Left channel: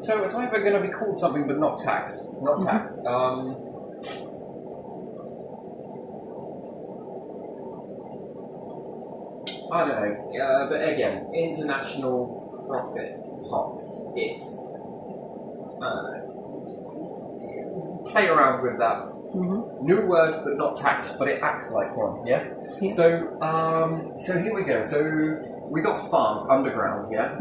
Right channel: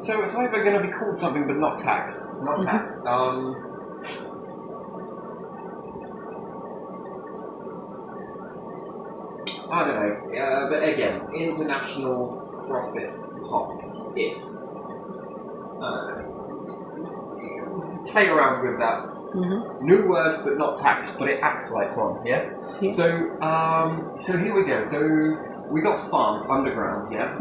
So it's either going to be called something, but not tax. Not tax. I don't know. But again, international profit pot. It's. Play around with that. New word, but not tax, but it acts like one. Yes. Yeah. So here we go. So we got farms underground. Yeah.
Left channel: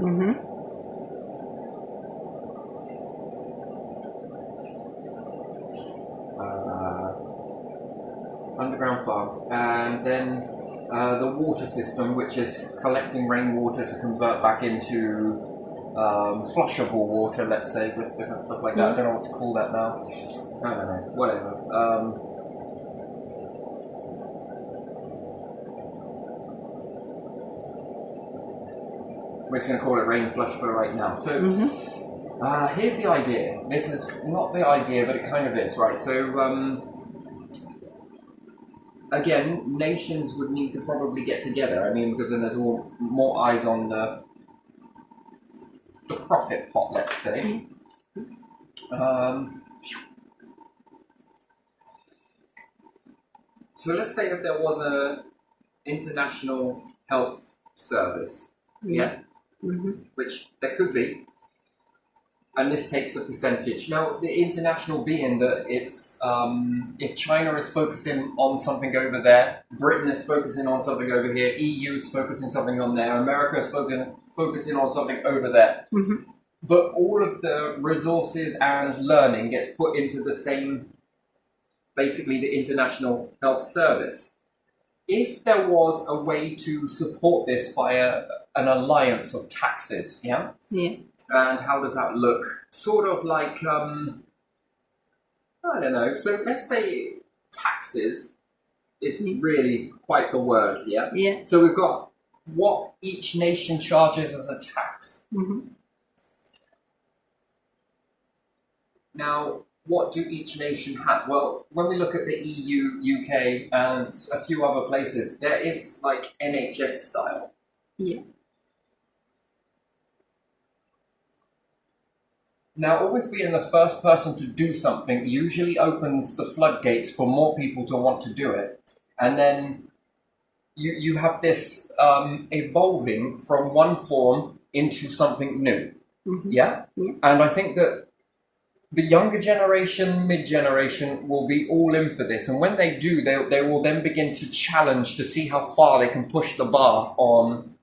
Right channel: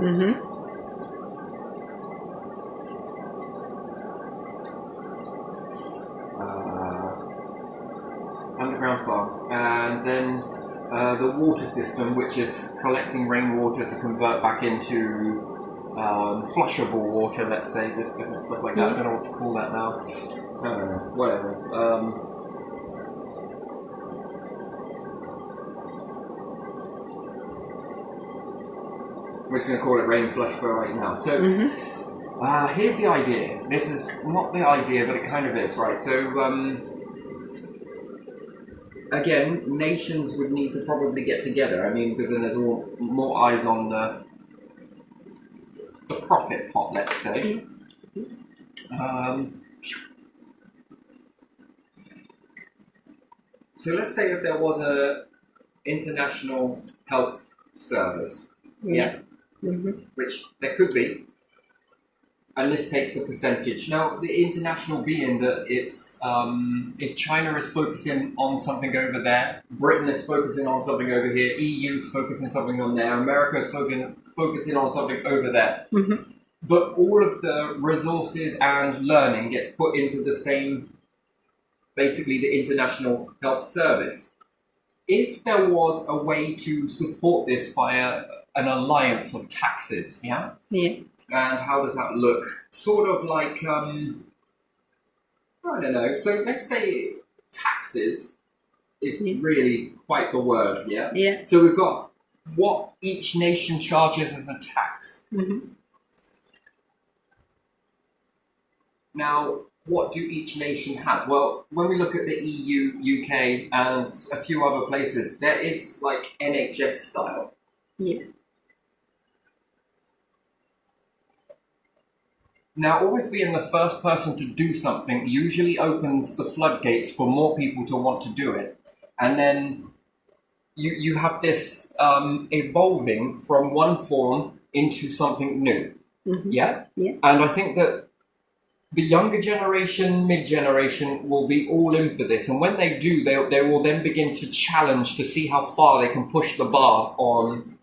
Underground farms, and then the water system, which is collecting rainwater to convert back into flushable water, let's say, just different stuff like that. I don't know what to call that now. I don't know, whatever. We're just going to call it rain flush for right now. So here's the idea. This is not the idea, but it kind of is, right? So again, nations would need to probably get together. I mean, because then there's more eyes on the profit pot, let's say. So let's say if there was a international health service, which there could be, and this takes a percentage. Now, the international being that it's if China is focusing on something over there, Britain is focusing on something over here, EU is focusing something on there, America is focusing on something over there. But all of the resources and learning gets put into the same, basically the International Health Service. If there was a way to support this via an alliance of taxes, yeah? And how does that look? Sort of like, I don't know. So let's say taxes is really quite the word, yeah? So we've got what each nation charges as a tax. Now, what do each nation have? Well, when we look at the EU, UK, and a few other places, there is like NHS style. Now, always being the first person to do something usually opens the floodgates for more people to want to do it. And then you have this evolving from one form into something new. Yeah? And I think that the younger generation, mid-generation will be all in for this. And when they do, they will then begin to challenge to see how far they can push the bar on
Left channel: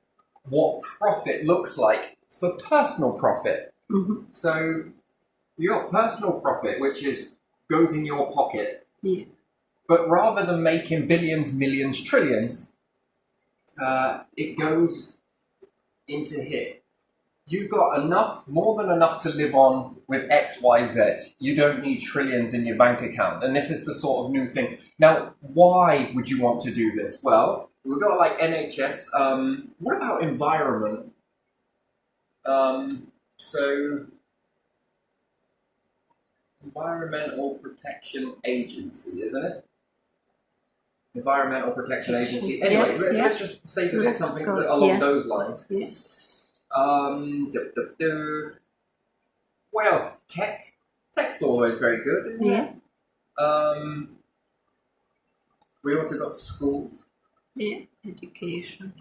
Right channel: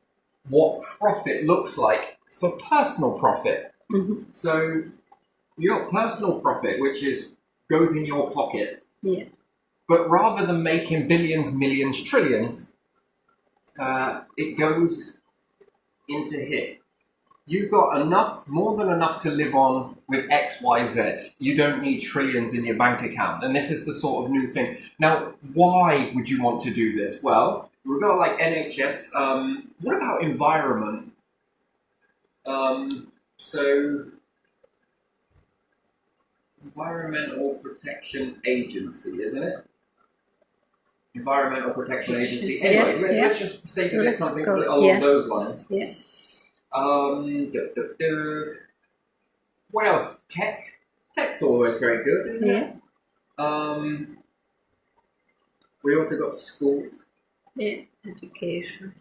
what profit looks like for personal profit. So you got personal profit, which goes in your pocket. But rather than making billions, millions, trillions, it goes into here. You've got enough, more than enough to live on with X, Y, Z. You don't need trillions in your bank account. And this is the sort of new thing. Now, why would you want to do this? Well, we've got like NHS. What about environment? So, Environmental Protection Agency, isn't it? Environmental Protection Agency. Anyway, let's just say that it's something along those lines. What else? Tech. Tech's always very good, isn't it? We also got schools. Education.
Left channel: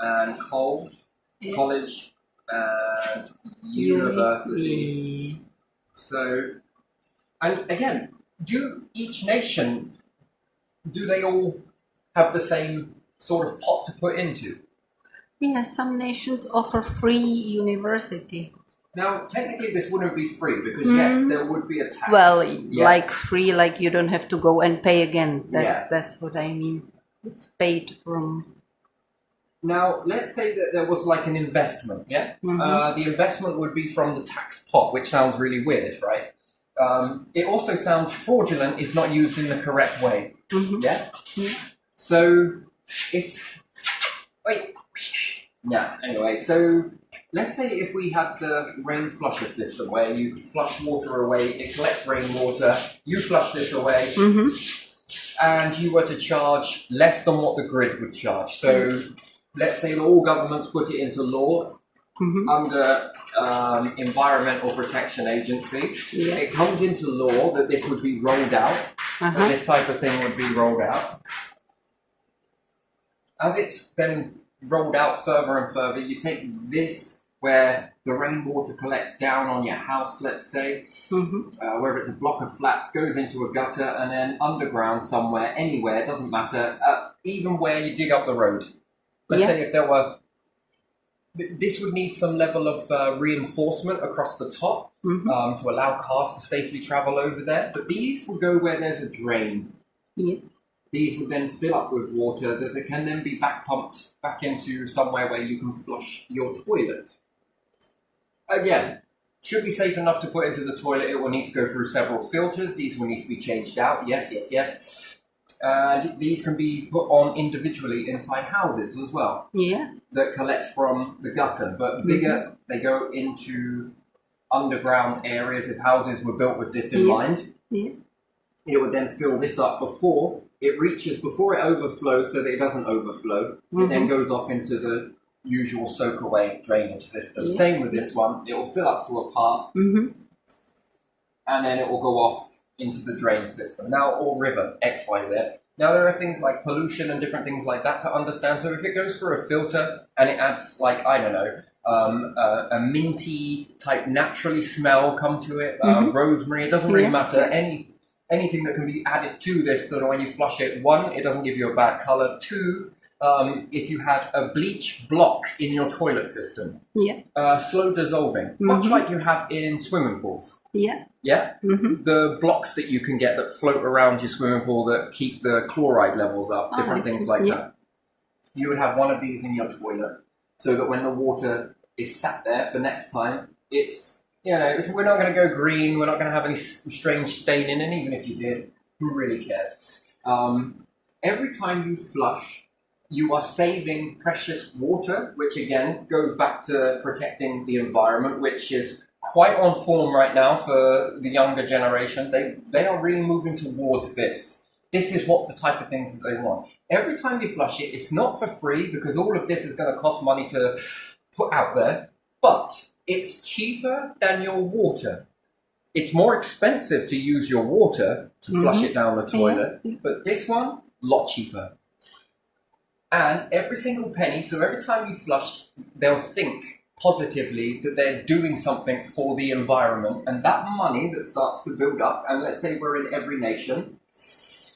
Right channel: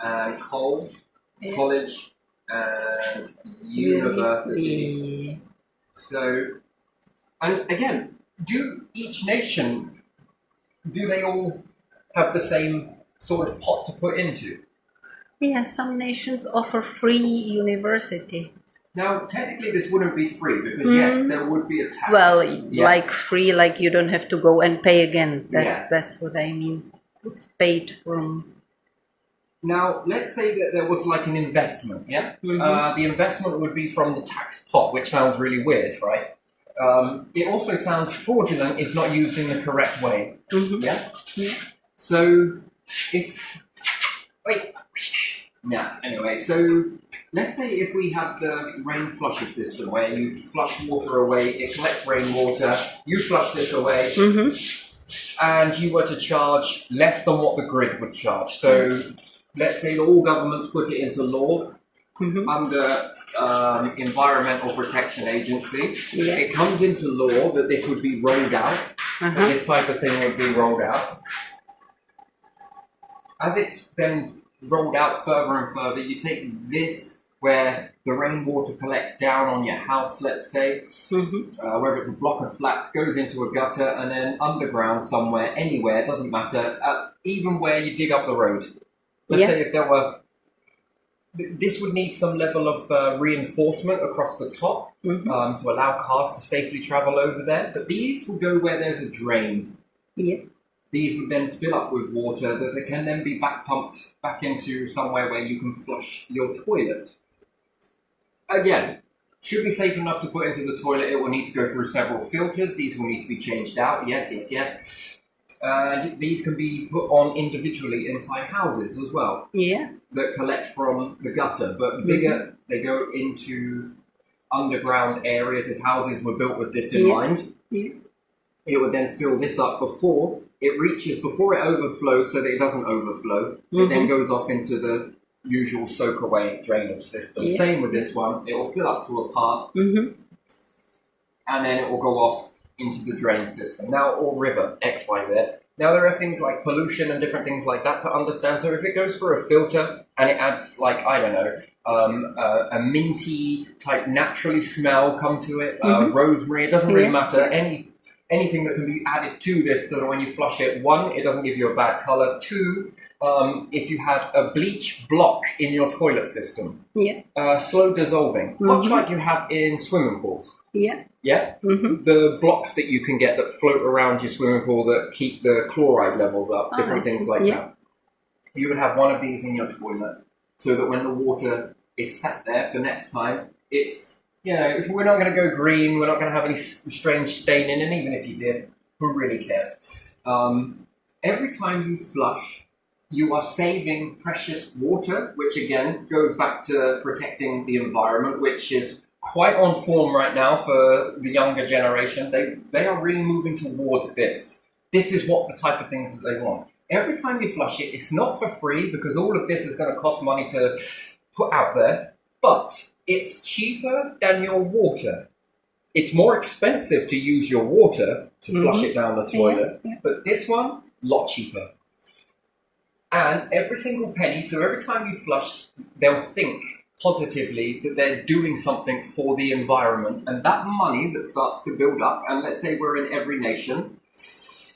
And college, and university. So, and again, do each nation, do they all have the same sort of pot to put into? Some nations offer free university. Now, technically this wouldn't be free because yes, there would be a tax. Well, like free, like you don't have to go and pay again. That's what I mean. It's paid from. Now, let's say that there was like an investment, the investment would be from the tax pot, which sounds really weird, right? It also sounds fraudulent if not used in the correct way, So, anyway, so let's say if we had the rain flusher system where you flush water away, it collects rainwater, you flush this away, and you were to charge less than what the grid would charge. So let's say all governments put it into law under Environmental Protection Agency. Yeah. It comes into law that this would be rolled out, that this type of thing would be rolled out. As it's then rolled out further and further, you take this where the rainwater collects down on your house, let's say, whether it's a block of flats, goes into a gutter, and then underground somewhere, anywhere, it doesn't matter, even where you dig up the road. Let's say if there were, this would need some level of reinforcement across the top to allow cars to safely travel over there. But these would go where there's a drain. Yeah. These would then fill up with water that can then be back pumped back into somewhere where you can flush your toilet. Again, should be safe enough to put into the toilet. It will need to go through several filters. These will need to be changed out. Yes, yes, yes. And these can be put on individually inside houses as well. Yeah. That collect from the gutter. But bigger, they go into underground areas. If houses were built with this in mind, it would then fill this up before it overflows, so that it doesn't overflow. It then goes off into the usual soak away drainage system. Same with this one. It will fill up to a part, and then it will go off into the drain system. Now, or river, X, Y, Z. Now, there are things like pollution and different things like that to understand. So if it goes through a filter and it adds, like, I don't know, a minty type naturally smell come to it, rosemary, it doesn't really matter. Anything that can be added to this so that when you flush it, one, it doesn't give you a bad color. Two, if you had a bleach block in your toilet system, slow dissolving, much like you have in swimming pools. The blocks that you can get that float around your swimming pool that keep the chloride levels up, different things like that. You would have one of these in your toilet so that when the water is sat there for next time, it's, we're not going to go green, we're not going to have any strange staining, and even if you did, who really cares? Every time you flush, you are saving precious water, which again goes back to protecting the environment, which is quite on form right now for the younger generation. They are really moving towards this. This is what the type of things that they want. Every time you flush it, it's not for free because all of this is going to cost money to put out there, but it's cheaper than your water. It's more expensive to use your water to flush it down the toilet, but this one, lot cheaper. And every single penny, so every time you flush, they'll think positively that they're doing something for the environment. And that money that starts to build up, and let's say we're in every nation,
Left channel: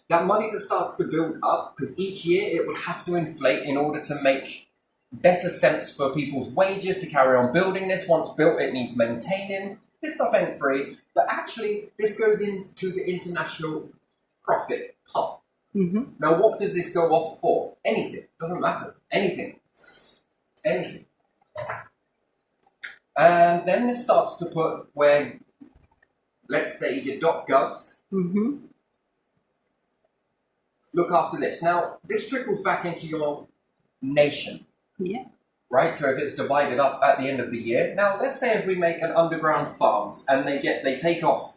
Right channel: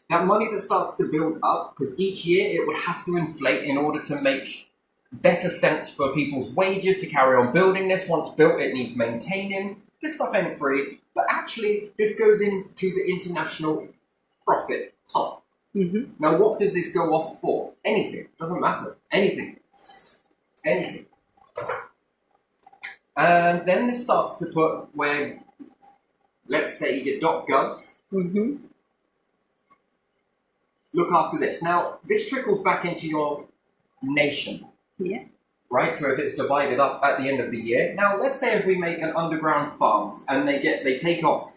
that money that starts to build up, because each year it would have to inflate in order to make better sense for people's wages to carry on building this. Once built, it needs maintaining. This stuff ain't free, but actually this goes into the international profit pot. Now, what does this go off for? Anything. Doesn't matter. Anything. Anything. And then this starts to put where, let's say, your .govs look after this. Now, this trickles back into your nation. Right? So if it's divided up at the end of the year. Now, let's say if we make an underground farms and they take off.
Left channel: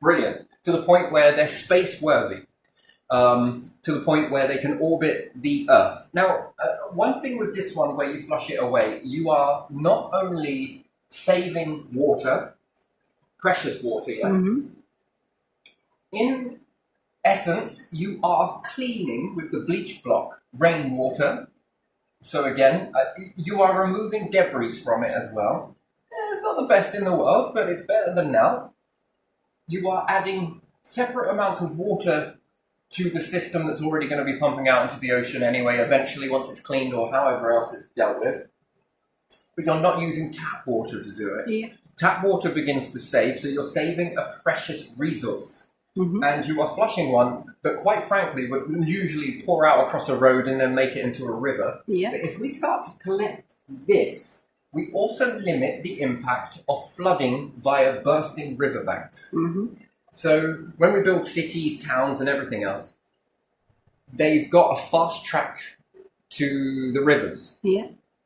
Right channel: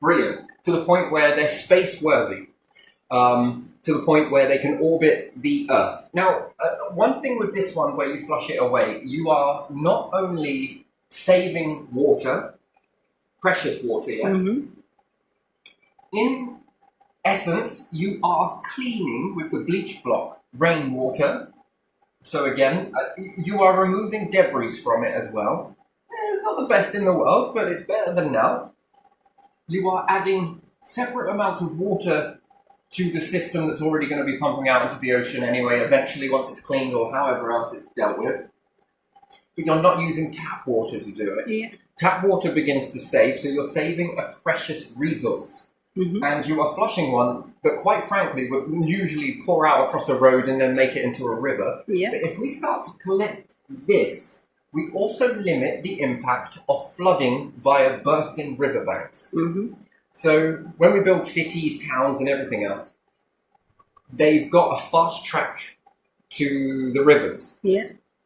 Brilliant. To the point where they're space worthy. To the point where they can orbit the Earth. Now, one thing with this one where you flush it away, you are not only saving water, precious water, yes. In essence, you are cleaning with the bleach block rainwater. So again, you are removing debris from it as well. It's not the best in the world, but it's better than now. You are adding separate amounts of water to the system that's already going to be pumping out into the ocean anyway, eventually, once it's cleaned or however else it's dealt with. But you're not using tap water to do it. Tap water begins to save, so you're saving a precious resource. And you are flushing one that, quite frankly, would usually pour out across a road and then make it into a river. But if we start to collect this, we also limit the impact of flooding via bursting riverbanks. So when we build cities, towns, and everything else, they've got a fast track to the rivers.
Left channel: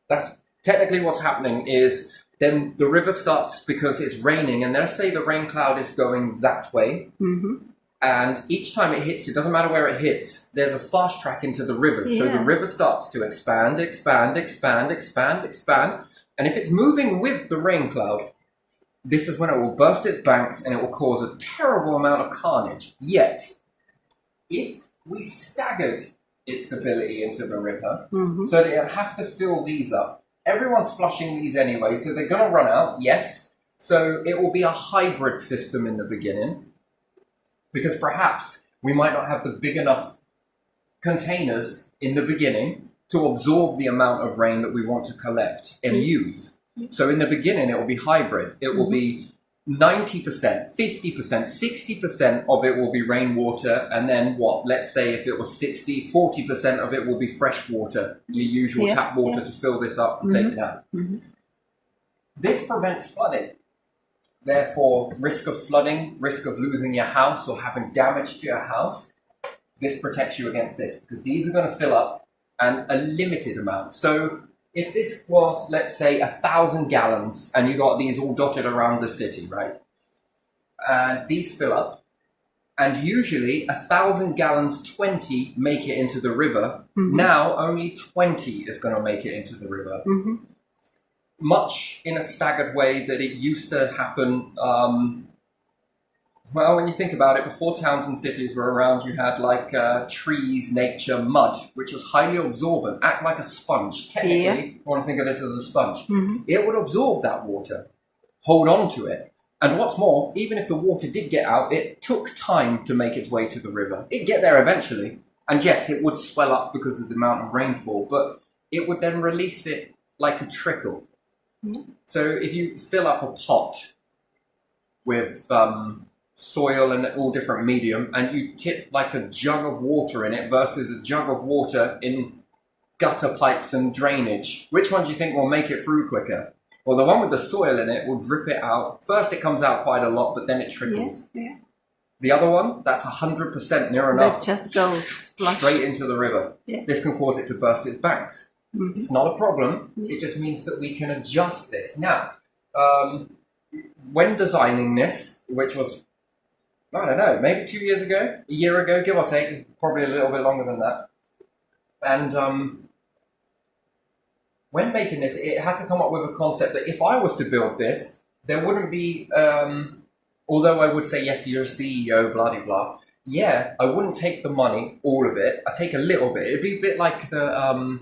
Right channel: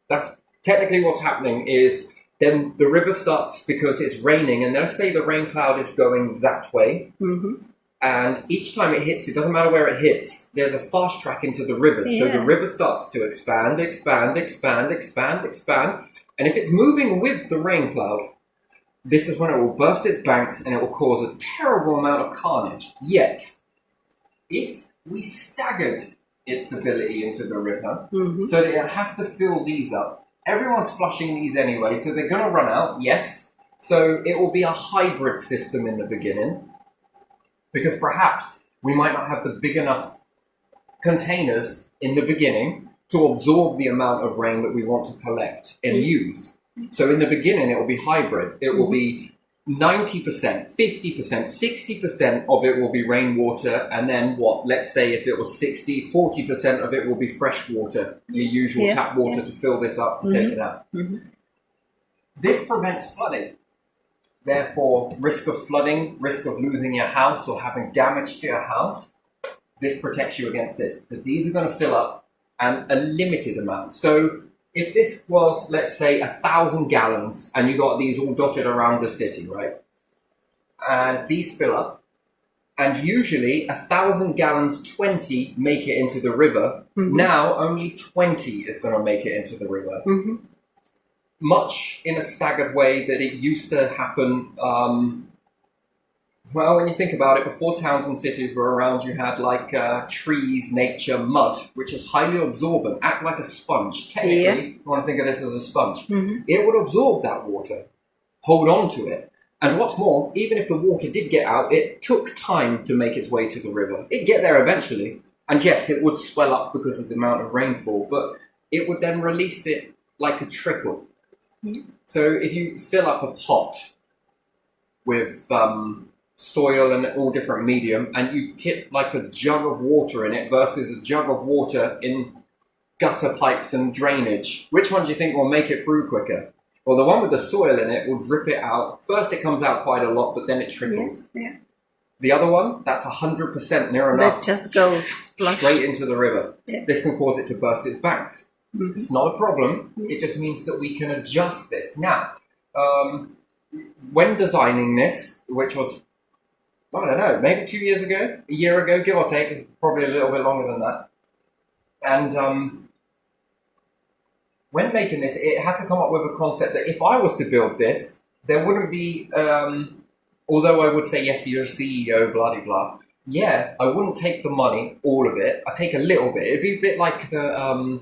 That's technically what's happening is then the river starts because it's raining, and let's say the rain cloud is going that way. And each time it hits, it doesn't matter where it hits, there's a fast track into the river. So the river starts to expand, And if it's moving with the rain cloud, this is when it will burst its banks and it will cause a terrible amount of carnage. Yet, if we staggered its ability into the river, so that it'll have to fill these up, everyone's flushing these anyway, so they're going to run out, yes. So it will be a hybrid system in the beginning, because perhaps we might not have the big enough containers in the beginning to absorb the amount of rain that we want to collect and use. So in the beginning, it will be hybrid. It will be 90%, 50%, 60% of it will be rainwater. And then what? Let's say if it was 60, 40% of it will be fresh water, your usual tap water to fill this up and take it out. This prevents flooding. Therefore, risk of flooding, risk of losing your house or having damage to your house, this protects you against this, because these are going to fill up and a limited amount. So if this was, let's say, 1,000 gallons and you got these all dotted around the city, right? And these fill up, and usually 1,000 gallons, 20 make it into the river. Now only 20 is going to make it into the river. Much in a staggered way that it used to happen. Well, when you think about it, before towns and cities were around, you had like trees, nature, mud, which was highly absorbent, act like a sponge. Technically, you want to think of this as a sponge. It would absorb that water, hold on to it. And what's more, even if the water did get out, it took time to make its way to the river. It'd get there eventually. And yes, it would swell up because of the amount of rainfall, but it would then release it like a trickle. So if you fill up a pot with soil and all different medium, and you tip like a jug of water in it versus a jug of water in gutter pipes and drainage, which one do you think will make it through quicker? Well, the one with the soil in it will drip it out. First it comes out quite a lot, but then it trickles. The other one, that's 100% near enough. That just goes straight into the river. This can cause it to burst its banks. It's not a problem. It just means that we can adjust this. Now, when designing this, which was, I don't know, maybe 2 years ago, a year ago, give or take, it's probably a little bit longer than that. And when making this, it had to come up with a concept that if I was to build this, there wouldn't be, although I would say, yes, you're a CEO, blah, blah, blah. Yeah, I wouldn't take the money, all of it. I'd take a little bit. It'd be a bit like the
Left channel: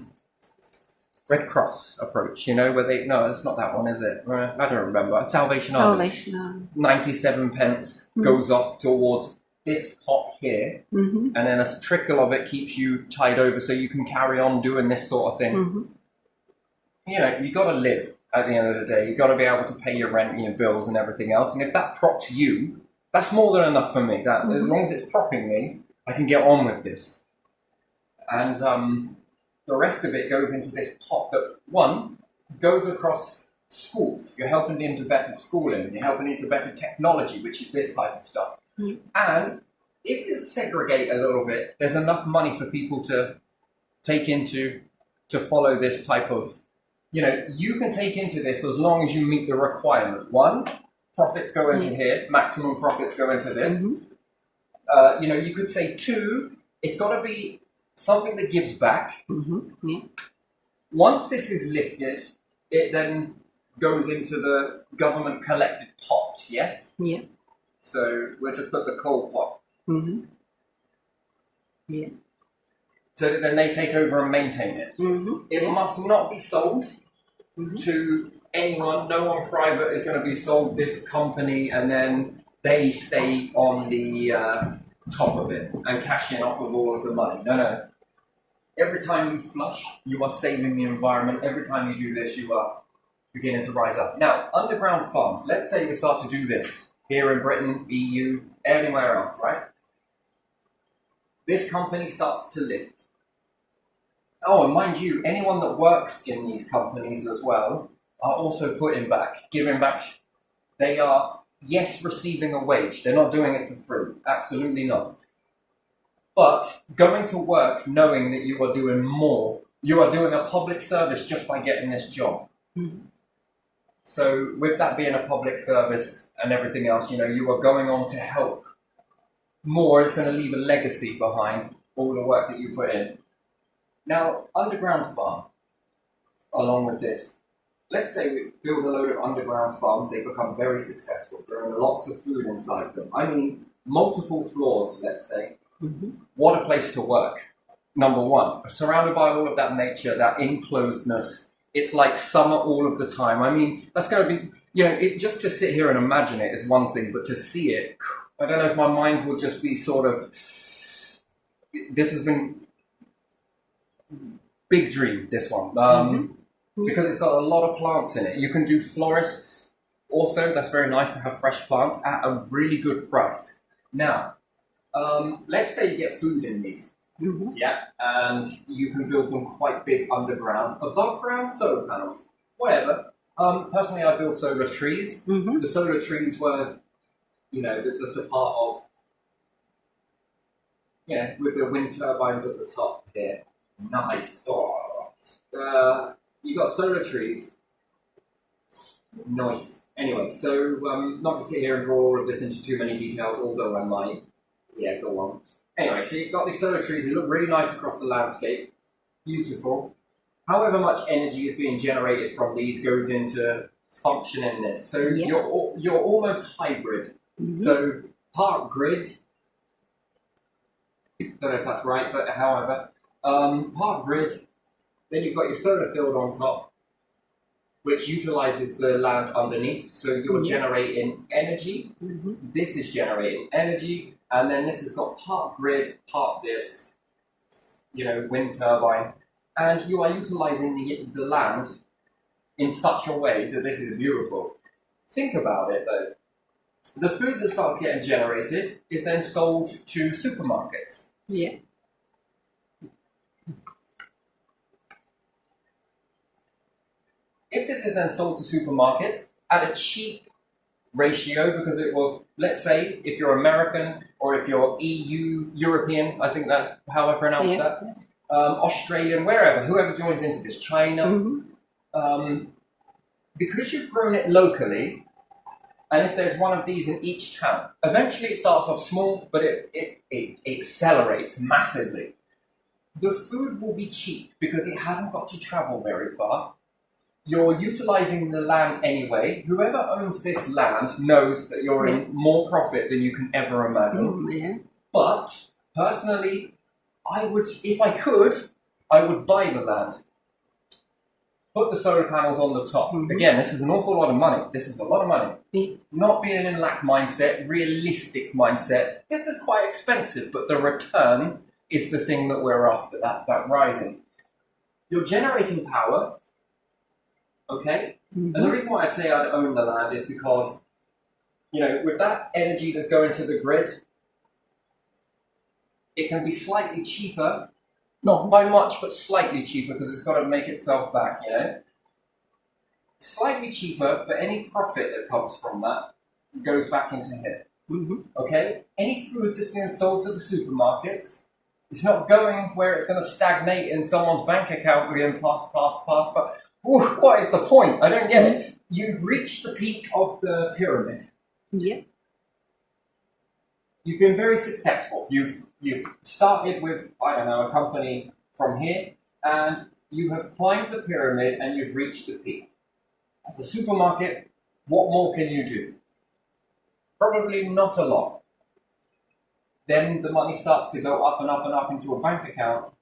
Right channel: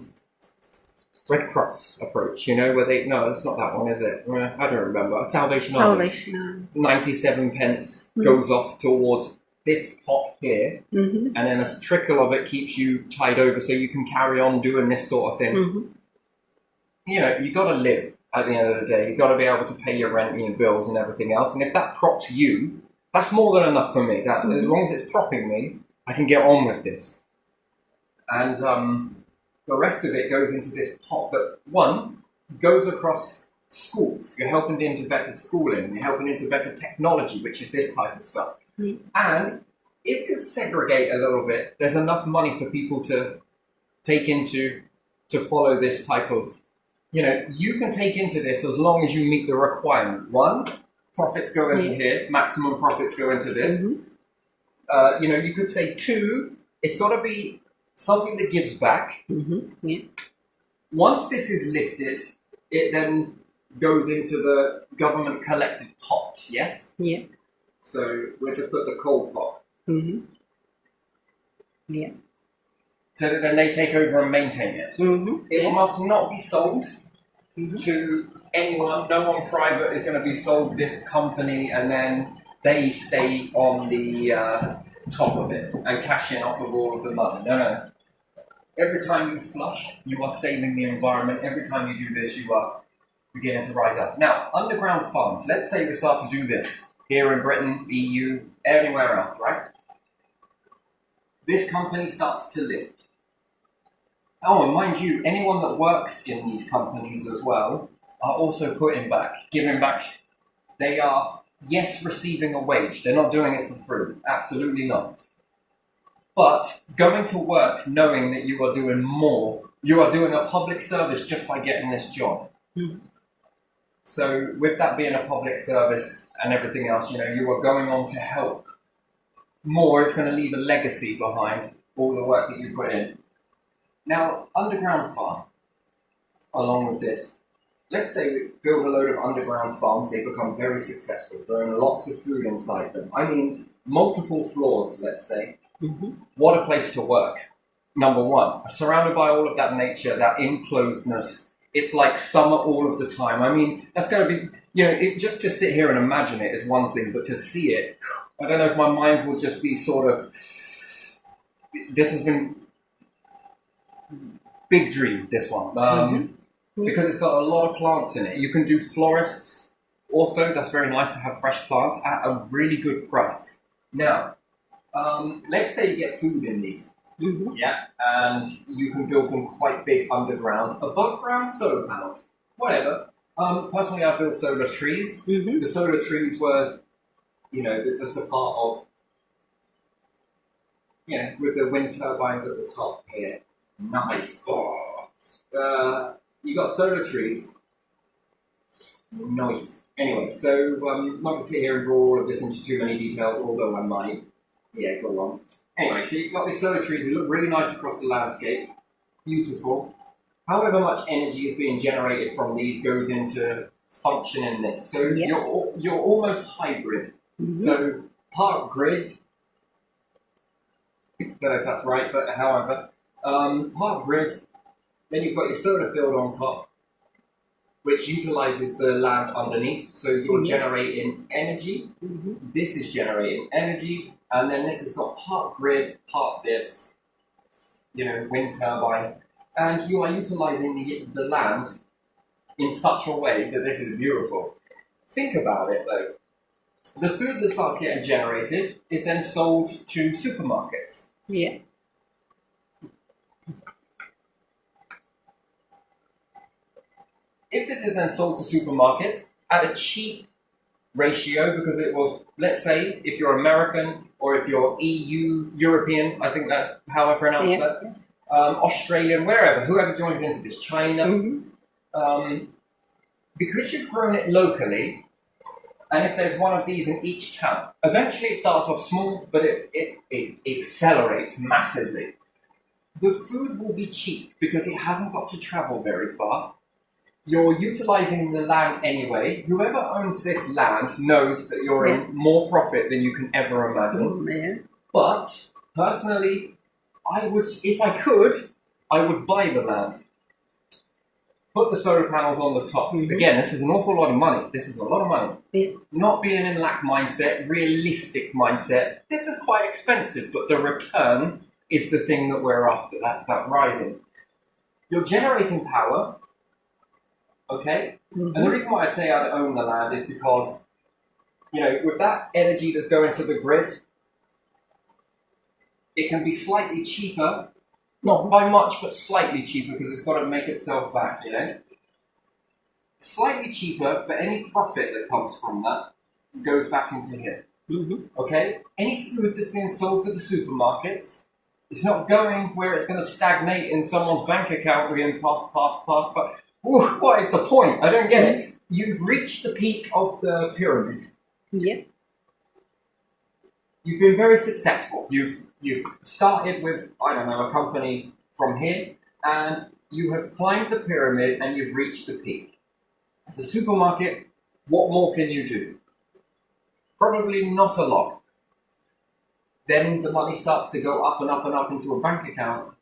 Red Cross approach, you know, where they, no, it's not that one, is it? I don't remember. Salvation Army. 97 pence goes off towards this pot here, and then a trickle of it keeps you tied over so you can carry on doing this sort of thing. You know, you got to live at the end of the day. You got to be able to pay your rent and your bills and everything else. And if that props you, that's more than enough for me. That as long as it's propping me, I can get on with this. And the rest of it goes into this pot that, one, goes across schools. You're helping into better schooling. You're helping into better technology, which is this type of stuff. And if you segregate a little bit, there's enough money for people to take into, to follow this type of, you know, you can take into this as long as you meet the requirement. One, profits go into here, maximum profits go into this. You know, you could say two, it's got to be something that gives back. Once this is lifted, it then goes into the government collected pot, yes? So we'll just put the coal pot. So that then they take over and maintain it. It must not be sold to anyone. No one private is going to be sold this company and then they stay on the top of it and cash in off of all of the money. No. Every time you flush, you are saving the environment. Every time you do this, you are beginning to rise up. Now, underground farms. Let's say we start to do this here in Britain, EU, anywhere else, right? This company starts to lift. Oh, and mind you, anyone that works in these companies as well are also putting back, giving back. They are, yes, receiving a wage. They're not doing it for free. Absolutely not. But going to work knowing that you are doing more, you are doing a public service just by getting this job. So with that being a public service and everything else, you know, you are going on to help more. It's going to leave a legacy behind all the work that you put in. Now, underground farm, along with this, let's say we build a load of underground farms, they become very successful, growing lots of food inside them. I mean, multiple floors, let's say. What a place to work. Number one, surrounded by all of that nature, that enclosedness. It's like summer all of the time. I mean, that's going to be, just to sit here and imagine it is one thing, but to see it, I don't know if my mind will just be sort of, this has been big dream, this one, because it's got a lot of plants in it. You can do florists also. That's very nice to have fresh plants at a really good price. Now, let's say you get food in these. Yeah, and you can build them quite big underground, above ground solar panels, whatever. Personally, I built solar trees. The solar trees were, it's just a part of, with the wind turbines at the top here. Nice. Oh. You got solar trees. Nice. Anyway, so not going to sit here and draw all of this into too many details, although I might. Yeah, go on. Anyway, so you've got these solar trees, they look really nice across the landscape. Beautiful. However much energy is being generated from these goes into functioning this. So you're almost hybrid. So part grid, don't know if that's right, but however, part grid, then you've got your solar field on top, which utilizes the land underneath. So you're generating energy. This is generating energy. And then this has got part grid, part this, wind turbine. And you are utilizing the land in such a way that this is beautiful. Think about it though. The food that starts getting generated is then sold to supermarkets. Yeah. If this is then sold to supermarkets at a cheap ratio, because it was, let's say, if you're American or if you're European, I think that's how I pronounce that, Australian, whoever joins into this, China, because you've grown it locally, and if there's one of these in each town, eventually it starts off small, but it accelerates massively. The food will be cheap because it hasn't got to travel very far. You're utilizing the land anyway. Whoever owns this land knows that you're in more profit than you can ever imagine. But personally, if I could, I would buy the land. Put the solar panels on the top. Again, this is an awful lot of money. This is a lot of money. Not being in lack mindset, realistic mindset. This is quite expensive, but the return is the thing that we're after, that rising. You're generating power. Okay? And the reason why I'd say I'd own the land is because, with that energy that's going to the grid, it can be slightly cheaper, not by much, but slightly cheaper because it's got to make itself back, Slightly cheaper, but any profit that comes from that goes back into here. Okay? Any food that's being sold to the supermarkets, it's not going where it's going to stagnate in someone's bank account being pass. But what is the point? I don't get it. You've reached the peak of the pyramid. Yeah. You've been very successful. You've started with, a company from here, and you have climbed the pyramid and you've reached the peak. As a supermarket, what more can you do? Probably not a lot. Then the money starts to go up and up and up into a bank account.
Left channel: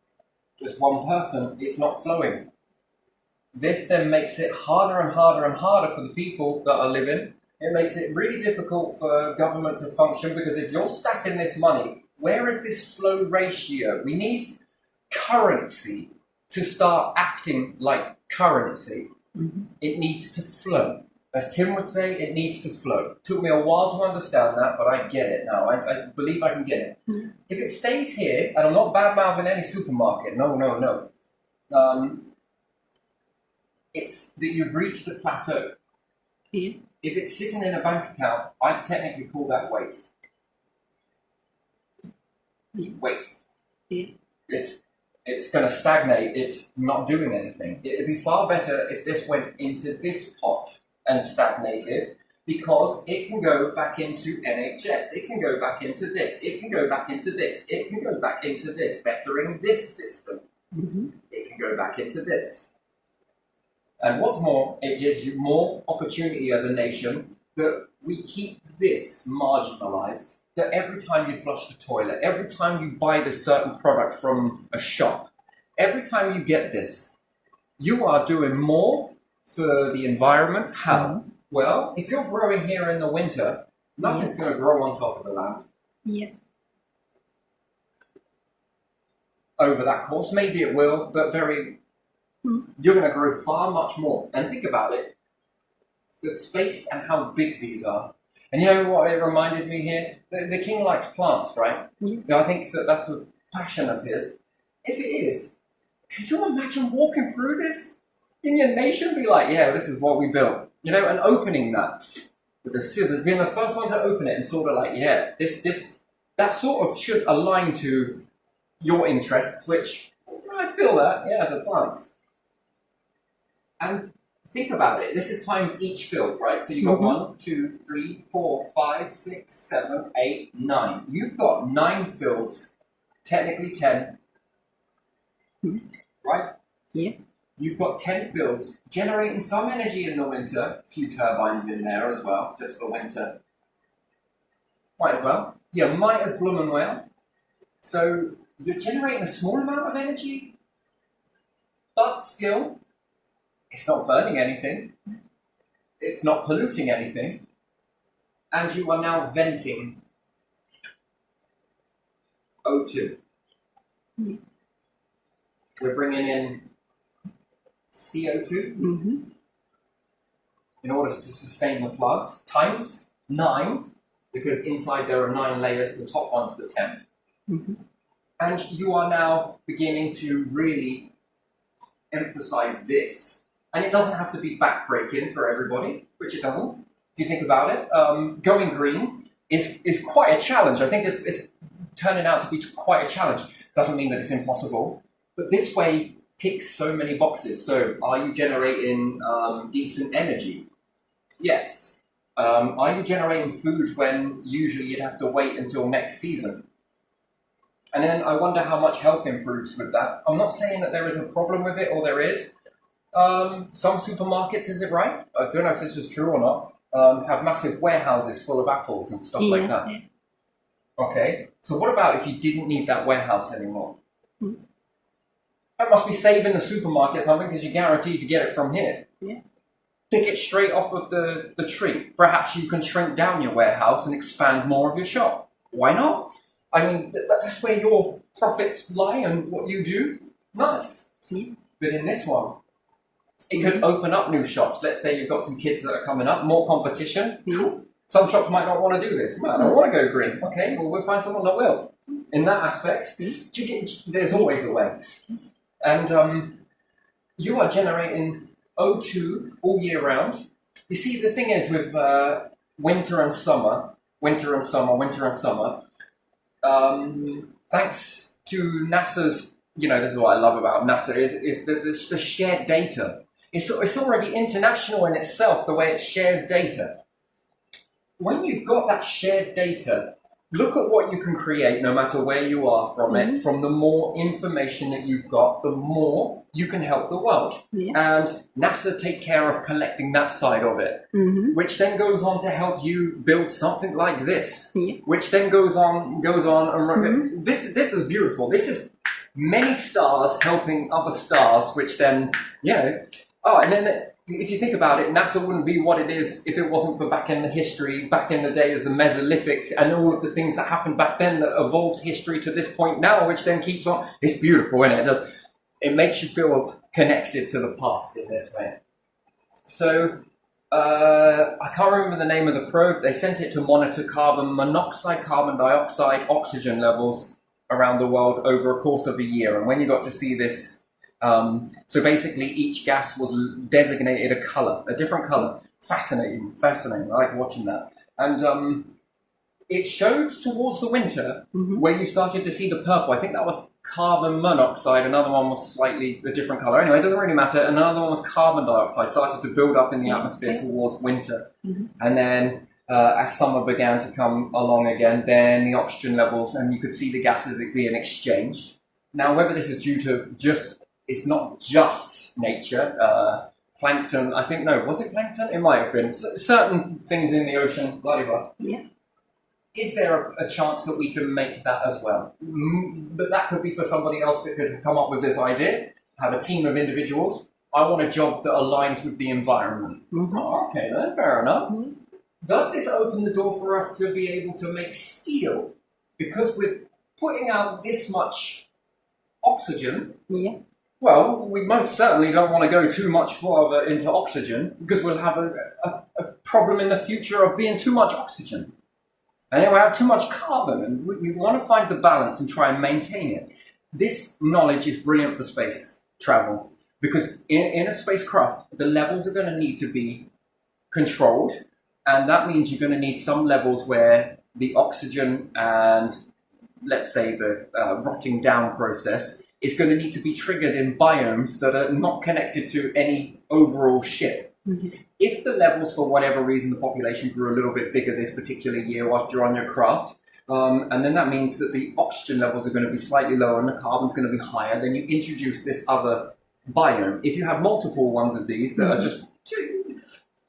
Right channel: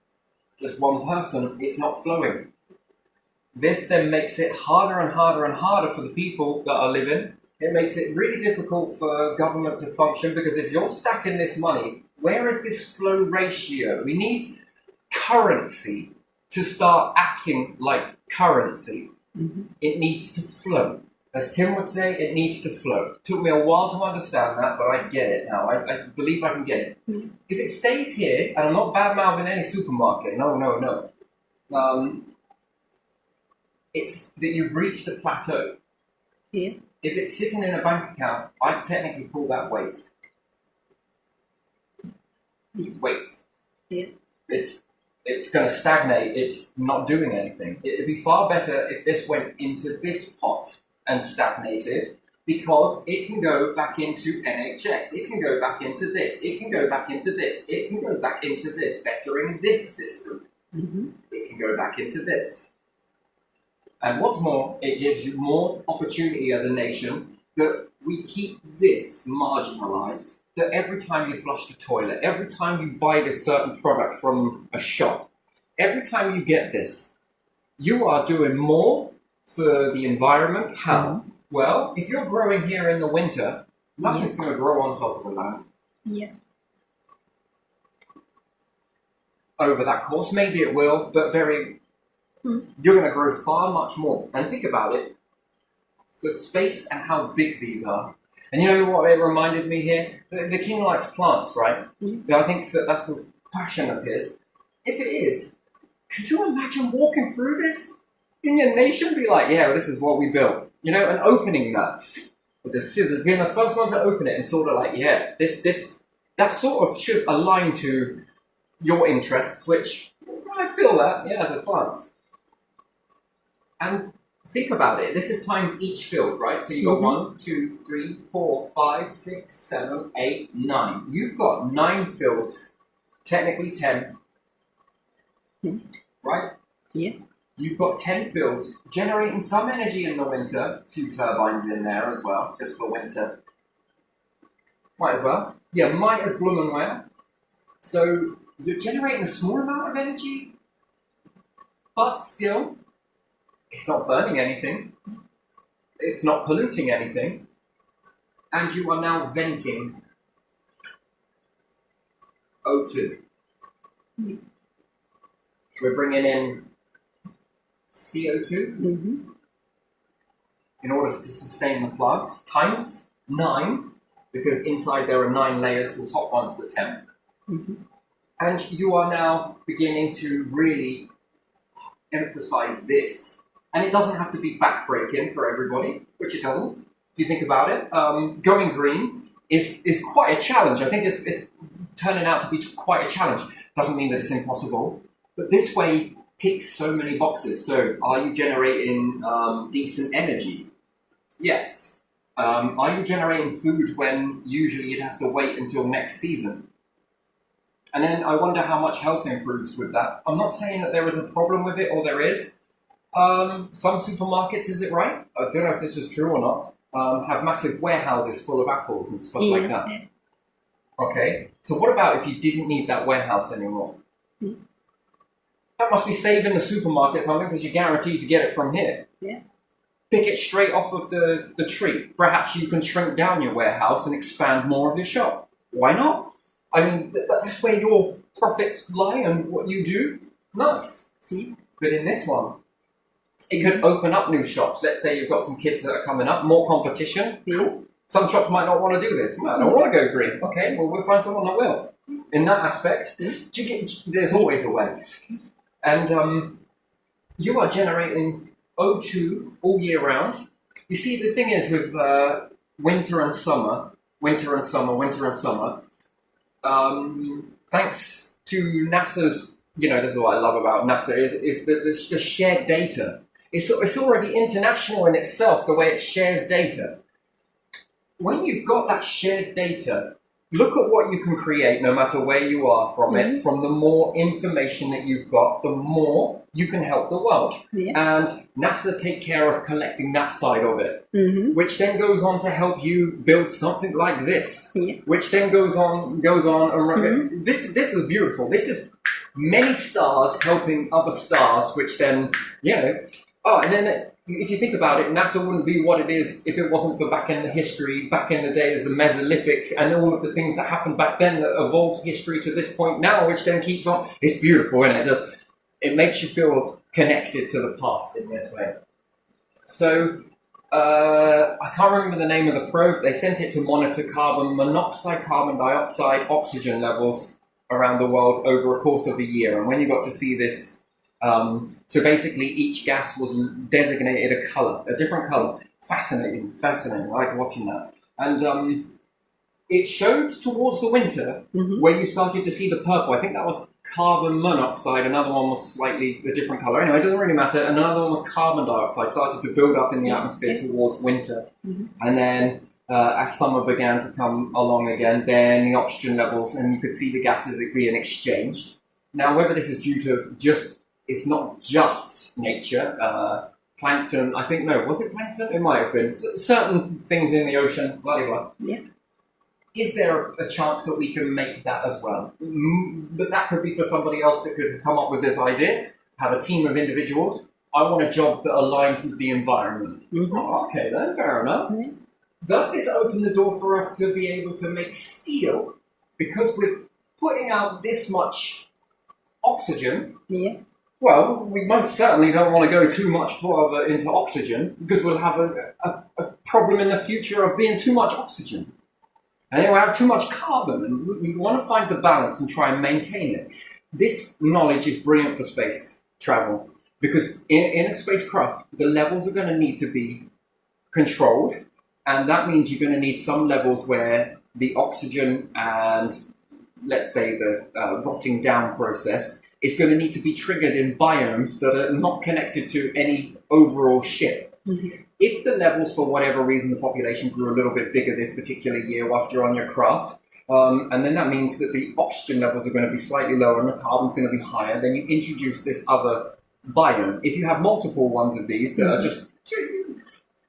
Just one person, it's not flowing. This then makes it harder and harder and harder for the people that are living. It makes it really difficult for government to function because if you're stacking this money, where is this flow ratio? We need currency to start acting like currency. It needs to flow. As Tim would say, it needs to flow. Took me a while to understand that, but I get it now. I believe I can get it. If it stays here, and I'm not bad-mouthing any supermarket, no. It's that you've reached the plateau. Yeah. If it's sitting in a bank account, I technically call that waste. Waste. Yeah. It's going to stagnate. It's not doing anything. It'd be far better if this went into this pot and stagnated, because it can go back into NHS. It can go back into this. It can go back into this. It can go back into this, bettering this system. It can go back into this. And what's more, it gives you more opportunity as a nation that we keep this marginalized, that every time you flush the toilet, every time you buy this certain product from a shop, every time you get this, you are doing more for the environment. How? Well, if you're growing here in the winter, nothing's going to grow on top of the land. Yeah. Over that course, maybe it will, but you're going to grow far much more. And think about it, the space and how big these are. And you know what it reminded me here? The king likes plants, right? I think that's a passion of his. If it is, could you imagine walking through this in your nation? Be like, yeah, this is what we built. You know, and opening that with the scissors, being the first one to open it and sort of like, yeah, that sort of should align to your interests, which I feel that, yeah, the plants. And think about it. This is times each field, right? So you've got 1, 2, 3, 4, 5, 6, 7, 8, 9. You've got 9 fields, technically 10, right? Yeah. You've got 10 fields generating some energy in the winter. A few turbines in there as well, just for winter. Might as well. Yeah, might as bloom and well. So you're generating a small amount of energy, but still, it's not burning anything. It's not polluting anything. And you are now venting O2. We're bringing in CO2 in order to sustain the plants, times 9, because inside there are 9 layers, the top one's the 10th. And you are now beginning to really emphasize this. And it doesn't have to be backbreaking for everybody, which it doesn't. If you think about it, going green is quite a challenge. I think it's turning out to be quite a challenge. Doesn't mean that it's impossible, but this way ticks so many boxes. So, are you generating decent energy? Yes. Are you generating food when usually you'd have to wait until next season? And then I wonder how much health improves with that. I'm not saying that there is a problem with it, or there is. Some supermarkets, is it right? I don't know if this is true or not, have massive warehouses full of apples and stuff like that. Okay, so what about if you didn't need that warehouse anymore? That must be saving the supermarket something, because you're guaranteed to get it from here. Yeah. Pick it straight off of the tree. Perhaps you can shrink down your warehouse and expand more of your shop. Why not? I mean, that's where your profits lie and what you do. Nice. But in this one, it could open up new shops. Let's say you've got some kids that are coming up, more competition. Cool. Some shops might not want to do this. Man, I don't want to go green. Okay, well, we'll find someone that will. In that aspect, there's always a way. And you are generating O2 all year round. You see, the thing is with winter and summer, thanks to NASA's, this is what I love about NASA, is the shared data. It's already international in itself, the way it shares data. When you've got that shared data, look at what you can create no matter where you are from it. From the more information that you've got, the more you can help the world. And NASA take care of collecting that side of it, which then goes on to help you build something like this, which then goes on and this is beautiful. This is many stars helping other stars, which then, and then if you think about it, NASA wouldn't be what it is if it wasn't for back in the day as the Mesolithic and all of the things that happened back then that evolved history to this point now, which then keeps on. It's beautiful, isn't it? It makes you feel connected to the past in this way. So, I can't remember the name of the probe. They sent it to monitor carbon monoxide, carbon dioxide, oxygen levels around the world over a course of a year. And when you got to see this, so basically each gas was designated a color, a different color. Fascinating. I like watching that. And it showed towards the winter where you started to see the purple. I think that was carbon monoxide. Another one was slightly a different color. Anyway, it doesn't really matter. And another one was carbon dioxide. Started to build up in the atmosphere towards winter. And then as summer began to come along again, then the oxygen levels, and you could see the gases being exchanged. Now, whether this is due to it's not just nature, plankton. I think, no, was it plankton? It might have been. Certain things in the ocean, blah, blah, blah. Yeah. Is there a chance that we can make that as well? But that could be for somebody else that could come up with this idea, have a team of individuals. I want a job that aligns with the environment. Mm-hmm. Oh, okay, then, fair enough. Mm-hmm. Does this open the door for us to be able to make steel? Because we're putting out this much oxygen. Yeah. Well, we most certainly don't want to go too much further into oxygen because we'll have a problem in the future of being too much oxygen. And then we have too much carbon, and we want to find the balance and try and maintain it. This knowledge is brilliant for space travel because in a spacecraft, the levels are going to need to be controlled, and that means you're going to need some levels where the oxygen and, let's say, the rotting down process is going to need to be triggered in biomes that are not connected to any overall ship. Mm-hmm. If the levels, for whatever reason, the population grew a little bit bigger this particular year whilst you're on your craft, and then that means that the oxygen levels are going to be slightly lower and the carbon's going to be higher, then you introduce this other biome. If you have multiple ones of these that are just,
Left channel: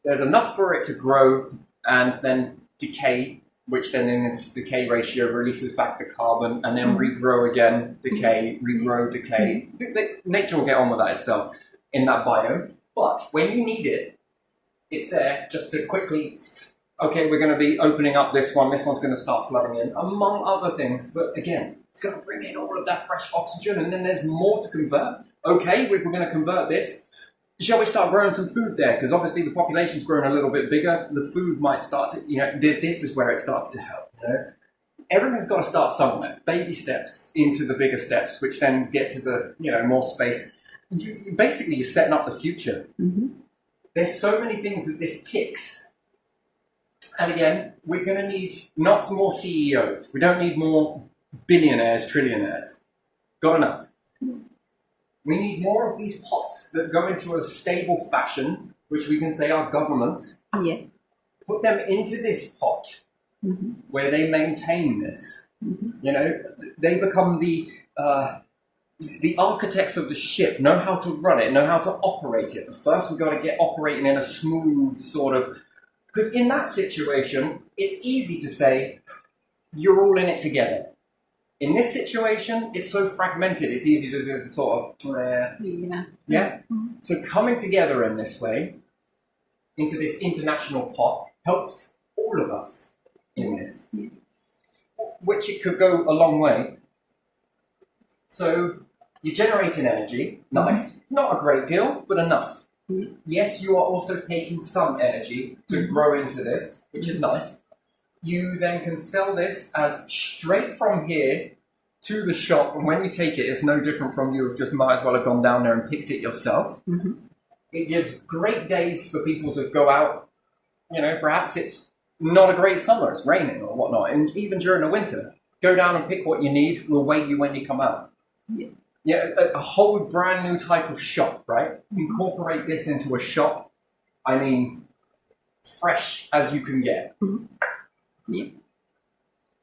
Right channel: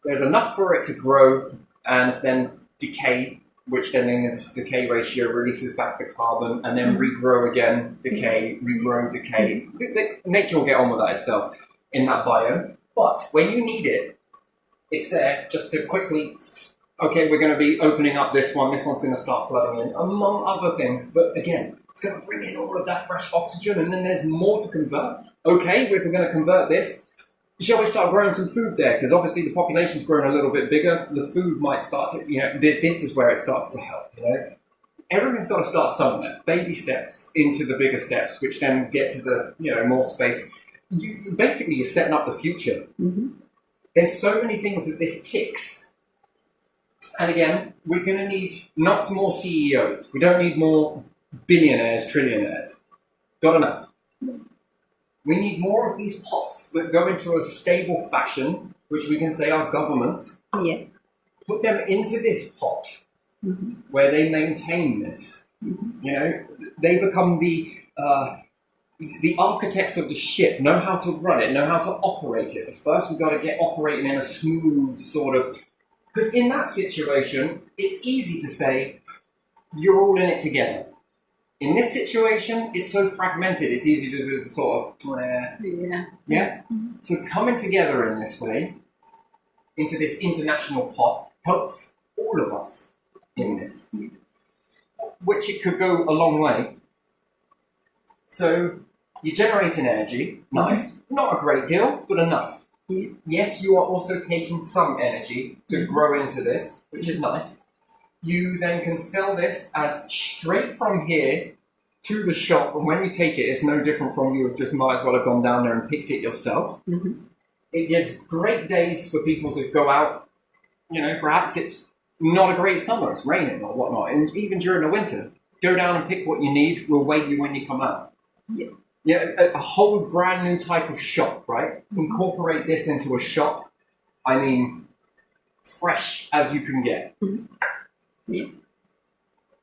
there's enough for it to grow and then decay, which then in its decay ratio releases back the carbon and then regrow again, decay, regrow, decay. Nature will get on with that itself in that biome. But when you need it, it's there just to quickly, okay, we're going to be opening up this one's going to start flooding in, among other things. But again, it's going to bring in all of that fresh oxygen, and then there's more to convert. Okay, if we're going to convert this, shall we start growing some food there? Because obviously the population's grown a little bit bigger. The food might start to, this is where it starts to help, Everything's got to start somewhere. Baby steps into the bigger steps, which then get to the, more space. You're setting up the future. Mm-hmm. There's so many things that this ticks. And again, we're going to need not more CEOs. We don't need more billionaires, trillionaires. Got enough. We need more of these pots that go into a stable fashion, which we can say are governments. Yeah. Put them into this pot where they maintain this. They become the architects of the ship, know how to run it, know how to operate it. But first we've got to get operating in a smooth sort of... Because in that situation, it's easy to say, you're all in it together. In this situation, it's so fragmented, it's easy to just sort of... Yeah? So coming together in this way, into this international pot, helps all of us in this. Which it could go a long way. So you're generating energy, nice. Not a great deal, but enough. Yes, you are also taking some energy to grow into this, which is nice. You then can sell this as straight from here to the shop, and when you take it, it's no different from you have just might as well have gone down there and picked it yourself. It gives great days for people to go out. Perhaps it's not a great summer, it's raining or whatnot, and even during the winter, go down and pick what you need. We'll wait you when you come out. A whole brand new type of shop, right? Incorporate this into a shop. I mean, fresh as you can get.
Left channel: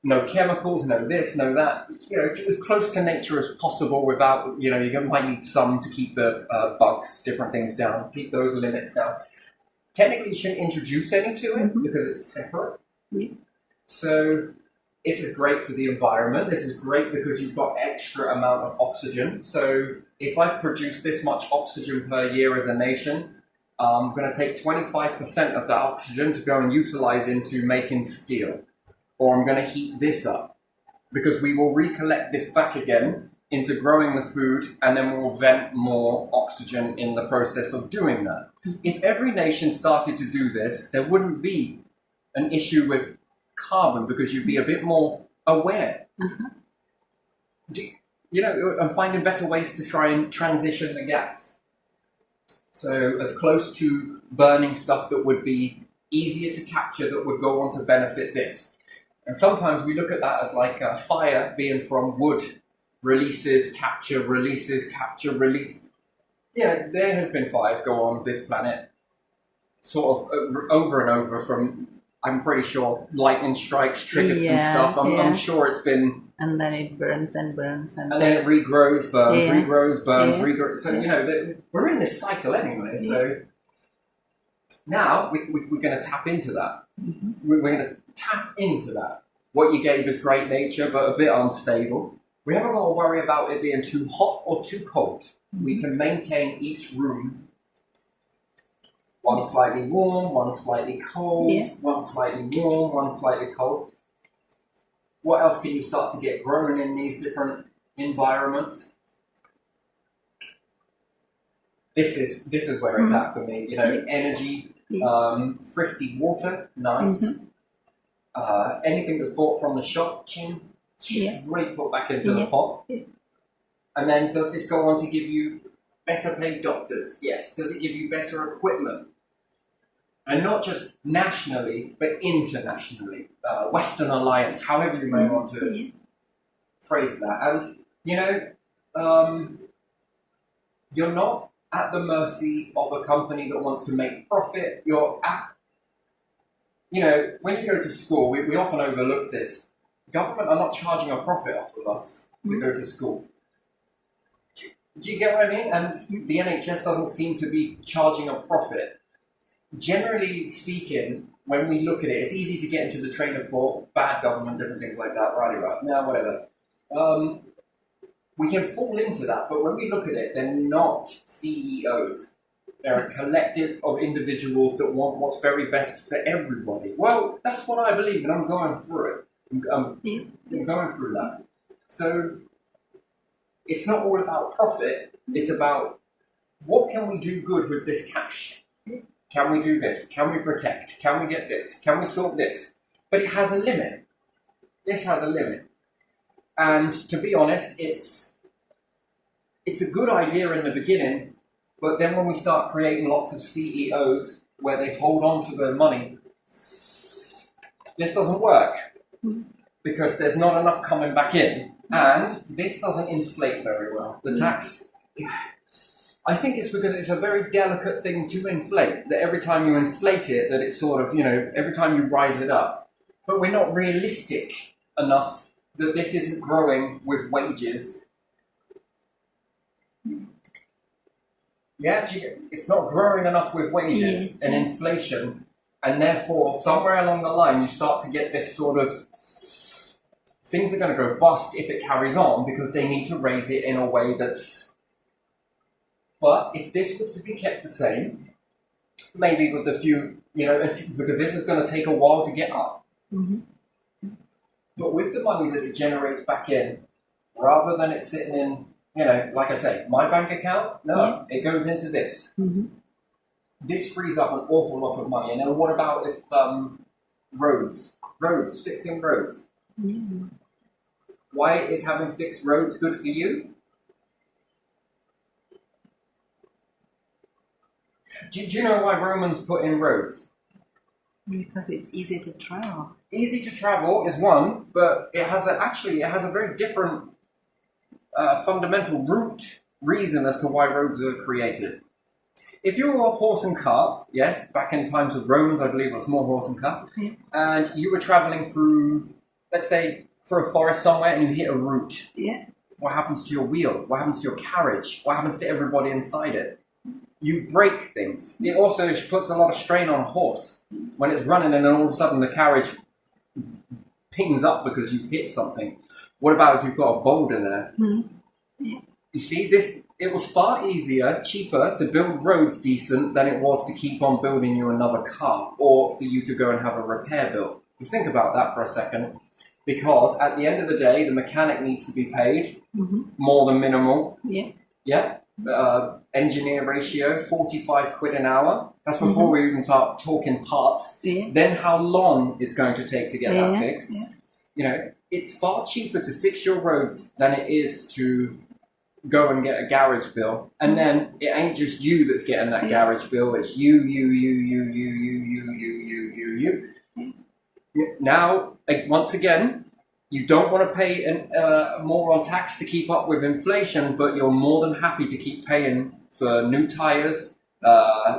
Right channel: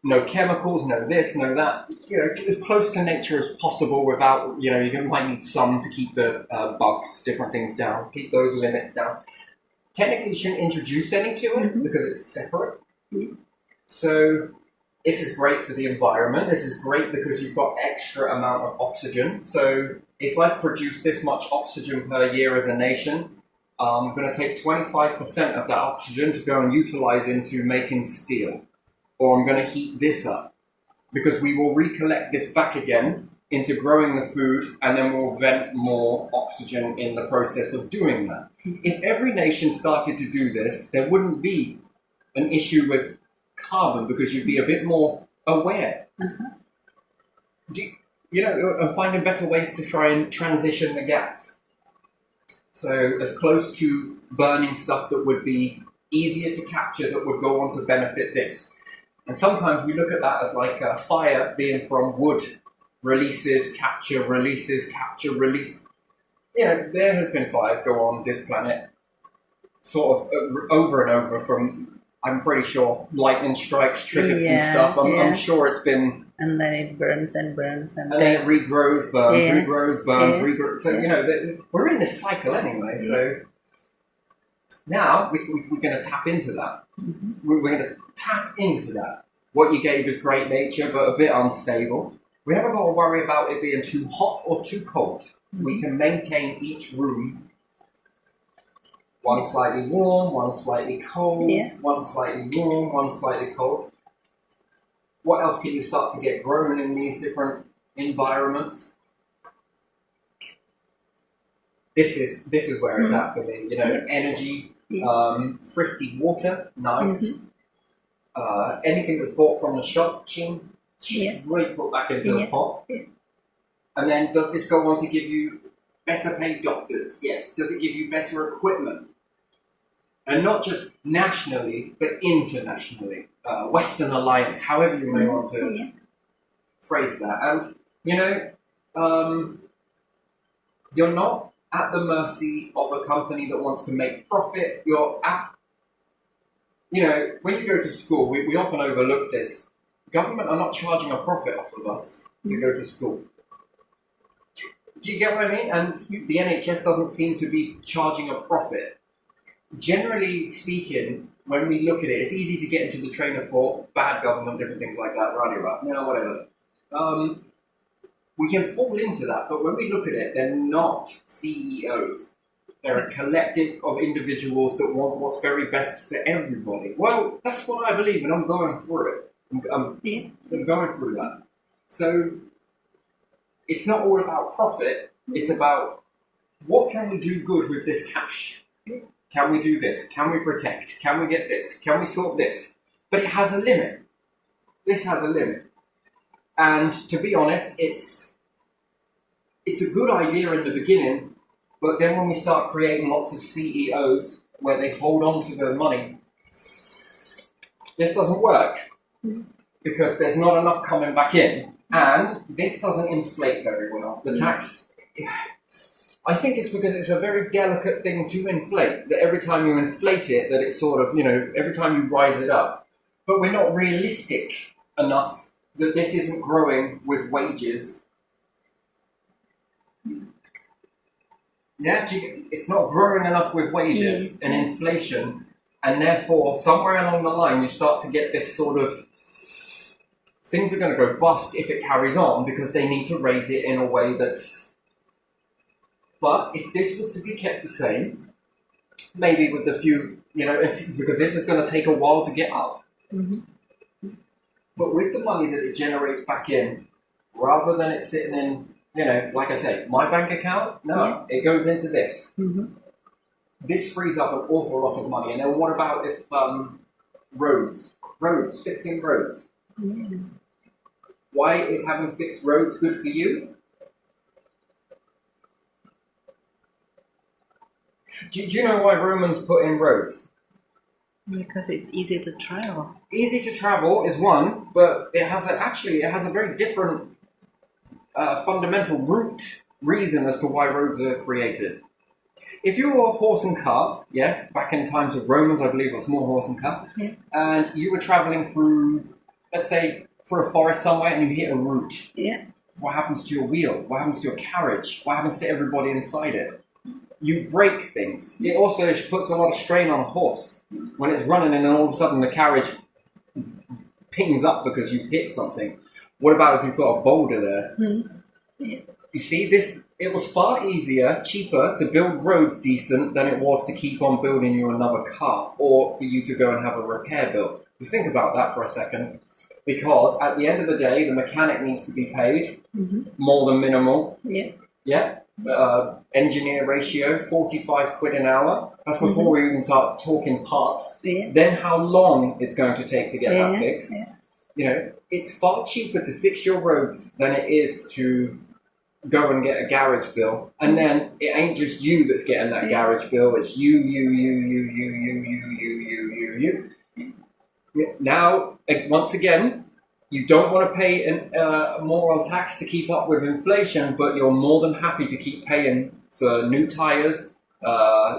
No chemicals, no this, no that. As close to nature as possible without, you might need some to keep the bugs, different things down, keep those limits down. Technically, you shouldn't introduce any to it because it's separate. So this is great for the environment. This is great because you've got extra amount of oxygen. So if I've produced this much oxygen per year as a nation, I'm going to take 25% of that oxygen to go and utilize into making steel. Or I'm going to heat this up because we will recollect this back again into growing the food, and then we'll vent more oxygen in the process of doing that. If every nation started to do this, there wouldn't be an issue with carbon because you'd be a bit more aware. And finding better ways to try and transition the gas. So as close to burning stuff that would be easier to capture that would go on to benefit this. And sometimes we look at that as like a fire being from wood, releases, capture, release. There has been fires go on this planet sort of over and over from, I'm pretty sure, lightning strikes, triggered some stuff. I'm sure it's been... And then it burns and burns and then it regrows, burns, regrows, burns, regrows. So, we're in this cycle anyway, so... Now we're going to tap into that. We're going to tap into that. What you gave is great nature, but a bit unstable. We haven't got to worry about it being too hot or too cold. We can maintain each room, one slightly warm, one slightly cold, one slightly warm, one slightly cold. What else can you start to get grown in these different environments? This is where it's at for me. You know, energy, thrifty water, nice. Anything that's bought from the shop, straight put back into the pot. And then, does this go on to give you better paid doctors? Yes. Does it give you better equipment? And not just nationally, but internationally. Western Alliance, however you may want to phrase that. And, you know, you're not at the mercy of a company that wants to make profit. You're at, you know, when you go to school, we often overlook this. Government are not charging a profit off of us to go to school. Do you get what I mean? And the NHS doesn't seem to be charging a profit. Generally speaking, when we look at it, it's easy to get into the train of thought, bad government, different things like that, right? No, whatever. We can fall into that, but when we look at it, they're not CEOs. They're a collective of individuals that want what's very best for everybody. Well, that's what I believe, and I'm going through it. I'm going through that. So it's not all about profit. It's about what can we do good with this cash? Can we do this? Can we protect? Can we get this? Can we sort this? But it has a limit. This has a limit. And to be honest, it's a good idea in the beginning, but then when we start creating lots of CEOs where they hold on to their money, this doesn't work because there's not enough coming back in, and this doesn't inflate very well. The tax, I think it's because it's a very delicate thing to inflate, that every time you inflate it, that it's sort of, you know, every time you rise it up. But we're not realistic enough that this isn't growing with wages. Yeah, it's not growing enough with wages and inflation, and therefore somewhere along the line you start to get this sort of, things are going to go bust if it carries on because they need to raise it in a way that's, but if this was to be kept the same, maybe with the few, you know, because this is going to take a while to get up. But with the money that it generates back in, rather than it sitting in, you know, like I say, my bank account, no, it goes into this. This frees up an awful lot of money. And then what about if roads, fixing roads? Why is having fixed roads good for you? Do you know why Romans put in roads? Because it's easy to travel. Easy to travel is one, but it has a very different fundamental root reason as to why roads are created. If you were a horse and cart, yes, back in times of Romans, I believe it was more horse and cart, and you were traveling through, let's say, for a forest somewhere, and you hit a root. What happens to your wheel? What happens to your carriage? What happens to everybody inside it? You break things. It also puts a lot of strain on a horse when it's running and then all of a sudden the carriage pings up because you've hit something. What about if you've got a boulder there? You see, it was far easier, cheaper to build roads decent than it was to keep on building you another car or for you to go and have a repair built. You think about that for a second, because at the end of the day, the mechanic needs to be paid more than minimal. Engineer ratio, 45 quid an hour. That's before we even start talking parts. Then how long it's going to take to get that fixed. You know, it's far cheaper to fix your roads than it is to go and get a garage bill. And then it ain't just you that's getting that garage bill. It's you. Now, once again, you don't want to pay more on tax to keep up with inflation, but you're more than happy to keep paying for new tires,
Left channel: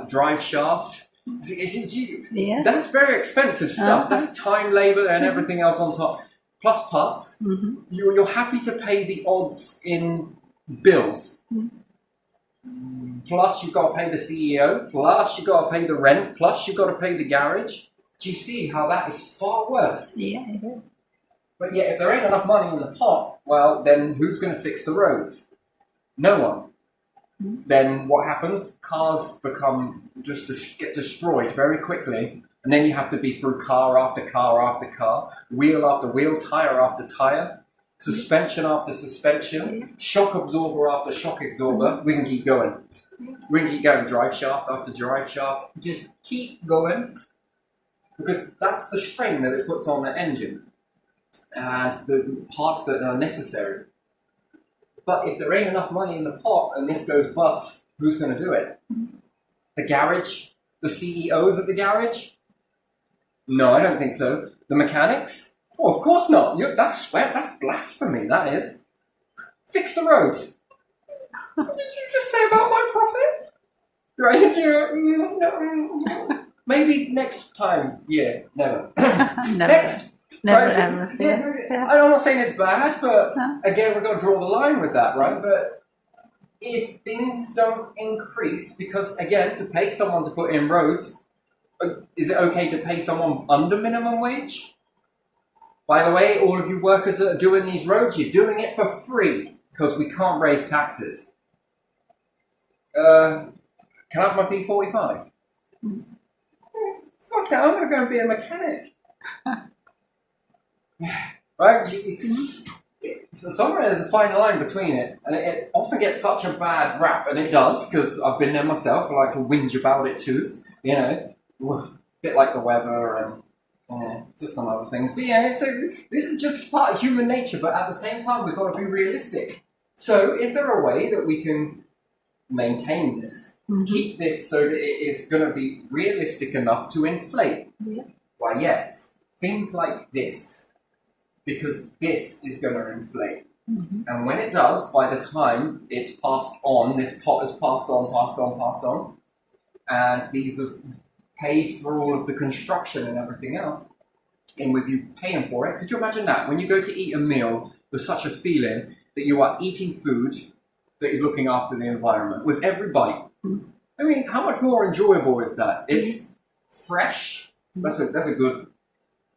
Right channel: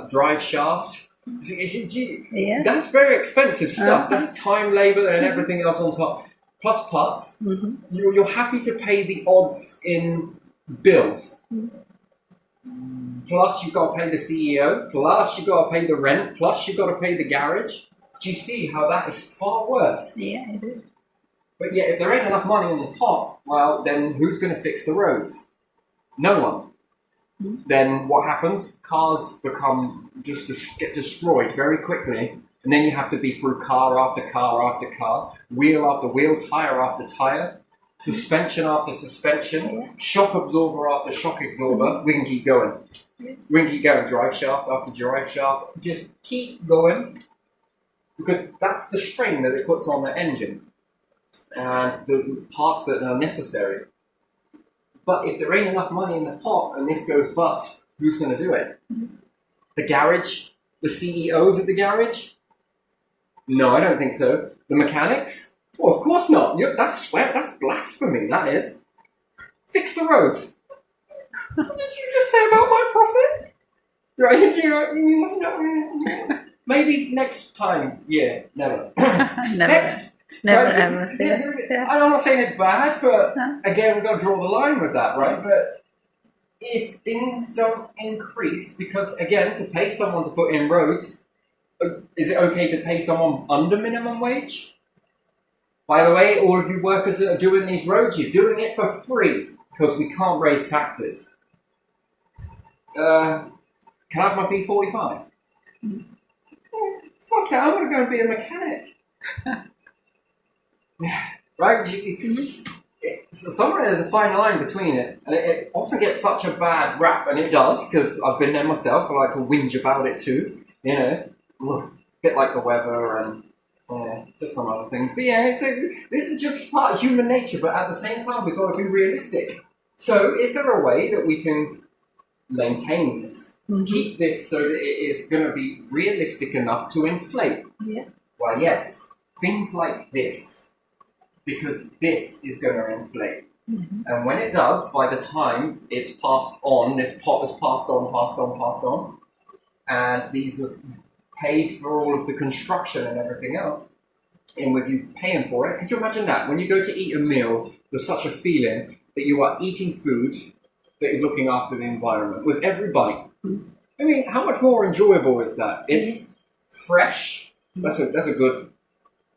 drive shaft. That's very expensive stuff. That's time, labor, and everything else on top. Plus parts. You're happy to pay the odds in bills. plus you've got to pay the CEO, plus you've got to pay the rent, plus you've got to pay the garage. Do you see how that is far worse? Yeah, it is. But yet, if there ain't enough money in the pot, well, then who's going to fix the roads? No one. Then what happens? Cars get destroyed very quickly, and then you have to be through car after car after car, wheel after wheel, tire after tire, suspension after suspension, shock absorber after shock absorber. We can keep going. We can keep going, drive shaft after drive shaft. Just keep going, because that's the strain that it puts on the engine and the parts that are necessary. But if there ain't enough money in the pot and this goes bust, who's going to do it? The garage? The CEOs of the garage? No, I don't think so. The mechanics? Oh, of course not. That's sweat. That's blasphemy, that is. Fix the roads. What did you just say about my profit? Right? Maybe next time. Yeah, never. Never. Next. Never, Right, so, ever. Yeah. I'm not saying it's bad, but No. again, we've got to draw the line with that, right? But if things don't increase, because again, to pay someone to put in roads, is it okay to pay someone under minimum wage? By the way, all of you workers that are doing these roads, you're doing it for free because we can't raise taxes. Can I have my P45? Fuck that, I'm going to go and be a mechanic. Right? So somewhere there's a fine line between it, and it often gets such a bad rap, and it does, because I've been there myself. I like to whinge about it too, you know, a bit like the weather and just some other things. But yeah, this is just part of human nature, but at the same time, we've got to be realistic. So is there a way that we can maintain this, keep this so that it is going to be realistic enough to inflate? Yeah. Why, yes, things like this. Because this is going to inflate. And when it does, by the time it's passed on, this pot is passed on, and these have paid for all of the construction and everything else, and with you paying for it, could you imagine that? When you go to eat a meal, there's such a feeling that you are eating food that is looking after the environment with every bite. I mean, how much more enjoyable is that? It's fresh. That's a good...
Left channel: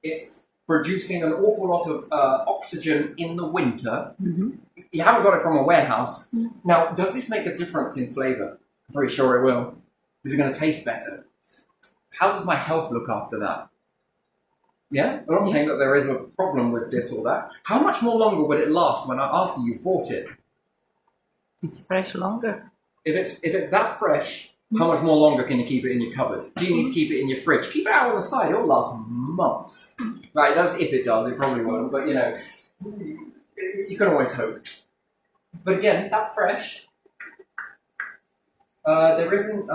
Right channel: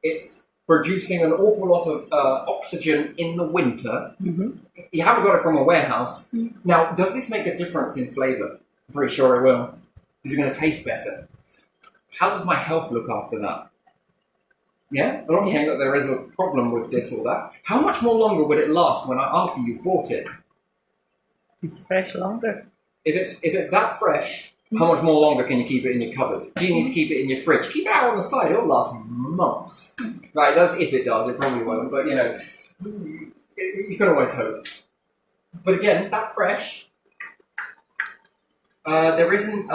It's producing an awful lot of oxygen in the winter. You haven't got it from a warehouse. Now, does this make a difference in flavour? I'm pretty sure it will. Is it going to taste better? How does my health look after that? Yeah? I'm not saying that there is a problem with this or that. How much more longer would it last after you've bought it? It's fresh longer. If it's that fresh, how much more longer can you keep it in your cupboard? Do you need to keep it in your fridge? Keep it out on the side, it'll last months. Right, it does, if it does, it probably won't, but you know, you can always hope. But again, that fresh, there isn't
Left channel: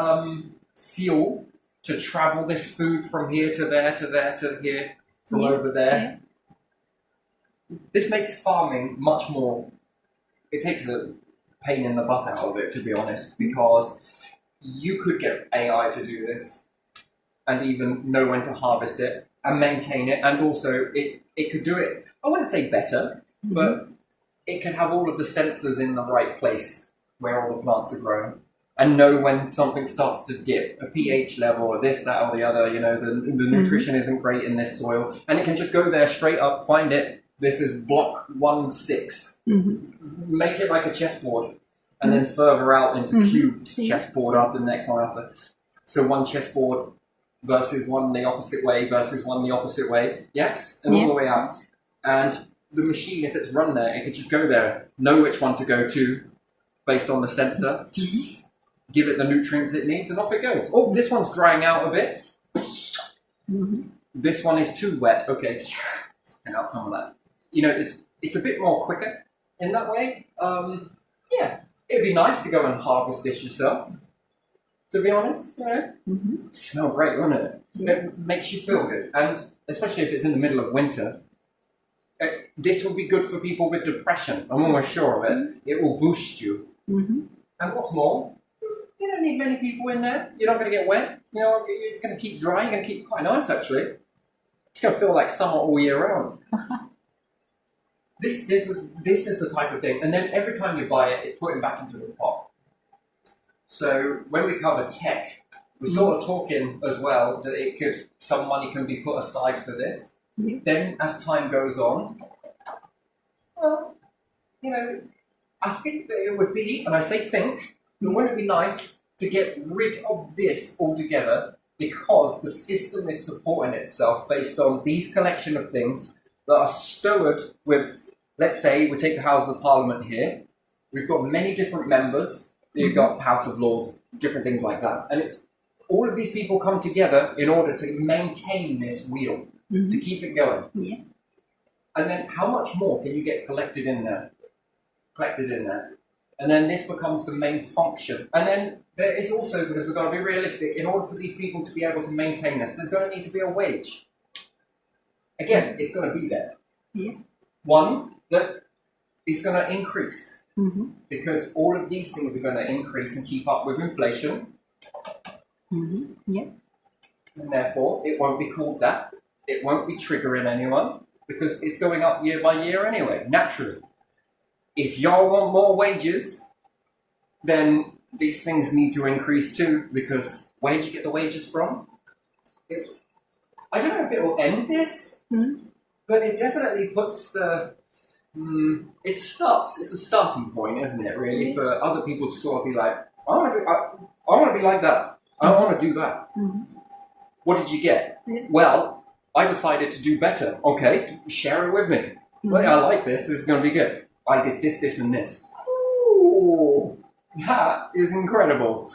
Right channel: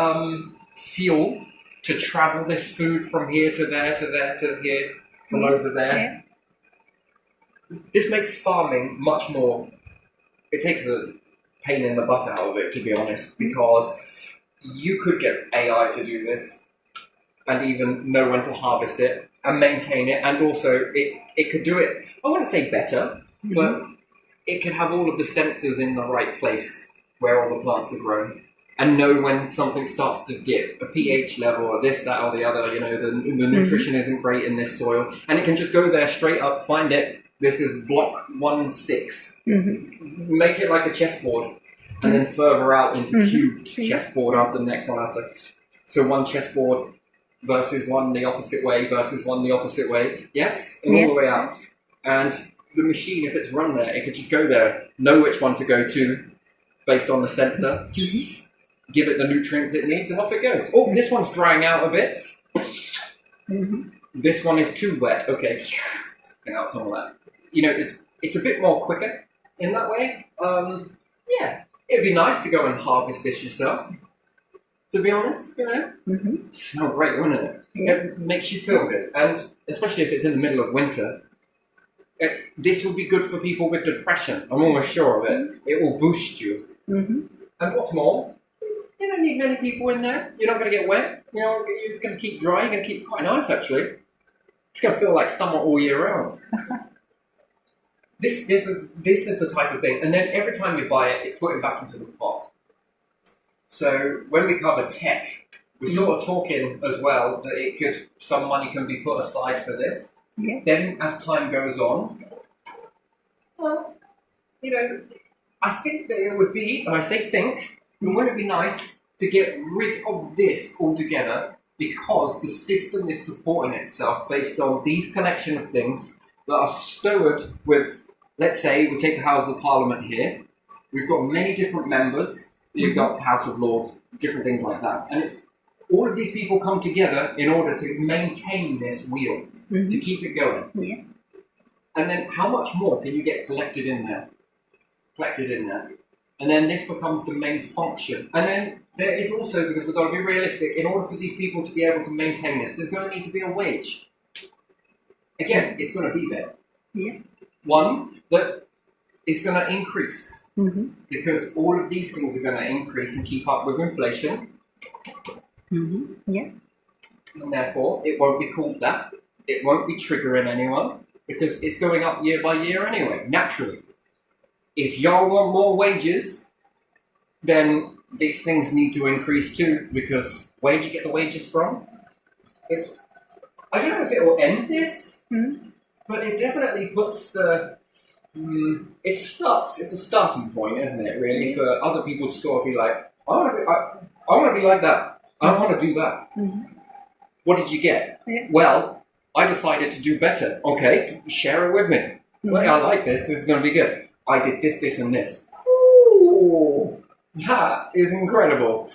fuel to travel this food from here to there, to there, to here, from over there. This makes farming much more, it takes the pain in the butt out of it, to be honest, because you could get AI to do this and even know when to harvest it and maintain it, and also it could do it, I wouldn't say better, but it can have all of the sensors in the right place where all the plants are growing and know when something starts to dip, a pH level or this, that or the other, you know, the nutrition isn't great in this soil, and it can just go there straight up, find it, this is block 1-6, make it like a chessboard, and then further out into cubed chessboard after the next one after. So one chessboard versus one the opposite way versus one the opposite way. Yes, and all the way out. And the machine, if it's run there, it could just go there, know which one to go to based on the sensor, give it the nutrients it needs, and off it goes. Oh, this one's drying out a bit. This one is too wet. Okay, something out some of that. You know, it's a bit more quicker in that way. Yeah. It'd be nice to go and harvest this yourself, to be honest, you know. Smell great, wouldn't it? It makes you feel good. And especially if it's in the middle of winter, this will be good for people with depression. I'm almost sure of it. It will boost you. And what's more, you don't need many people in there. You're not going to get wet. You know, you're going to keep dry. You're going to keep quite nice, actually. It's going to feel like summer all year round. This is the type of thing, and then every time you buy it, it's putting back into the pot. So when we cover tech, we're sort of talking as well that some money can be put aside for this. Yeah. Then as time goes on, well, I think that it would be, and I say think, but wouldn't it be nice to get rid of this altogether because the system is supporting itself based on these collection of things that are stowed with, let's say, we take the House of Parliament here. We've got many different members. You've got House of Lords, different things like that. And it's all of these people come together in order to maintain this wheel, to keep it going. Yeah. And then how much more can you get collected in there? And then this becomes the main function. And then there is also, because we've got to be realistic, in order for these people to be able to maintain this, there's going to need to be a wage. Again, it's going to be there. Yeah. One that is going to increase. Because all of these things are going to increase and keep up with inflation. Yeah. And therefore, it won't be called that. It won't be triggering anyone because it's going up year by year anyway, naturally. If y'all want more wages, then these things need to increase too, because where do you get the wages from? I don't know if it will end this, but it definitely puts it's a starting point, isn't it, really, for other people to sort of be like, I want to be like that. I want to do that. What did you get? Yeah. Well, I decided to do better. Okay, share it with me. Well, I like this. This is going to be good. I did this, this, and this. Ooh, that is incredible.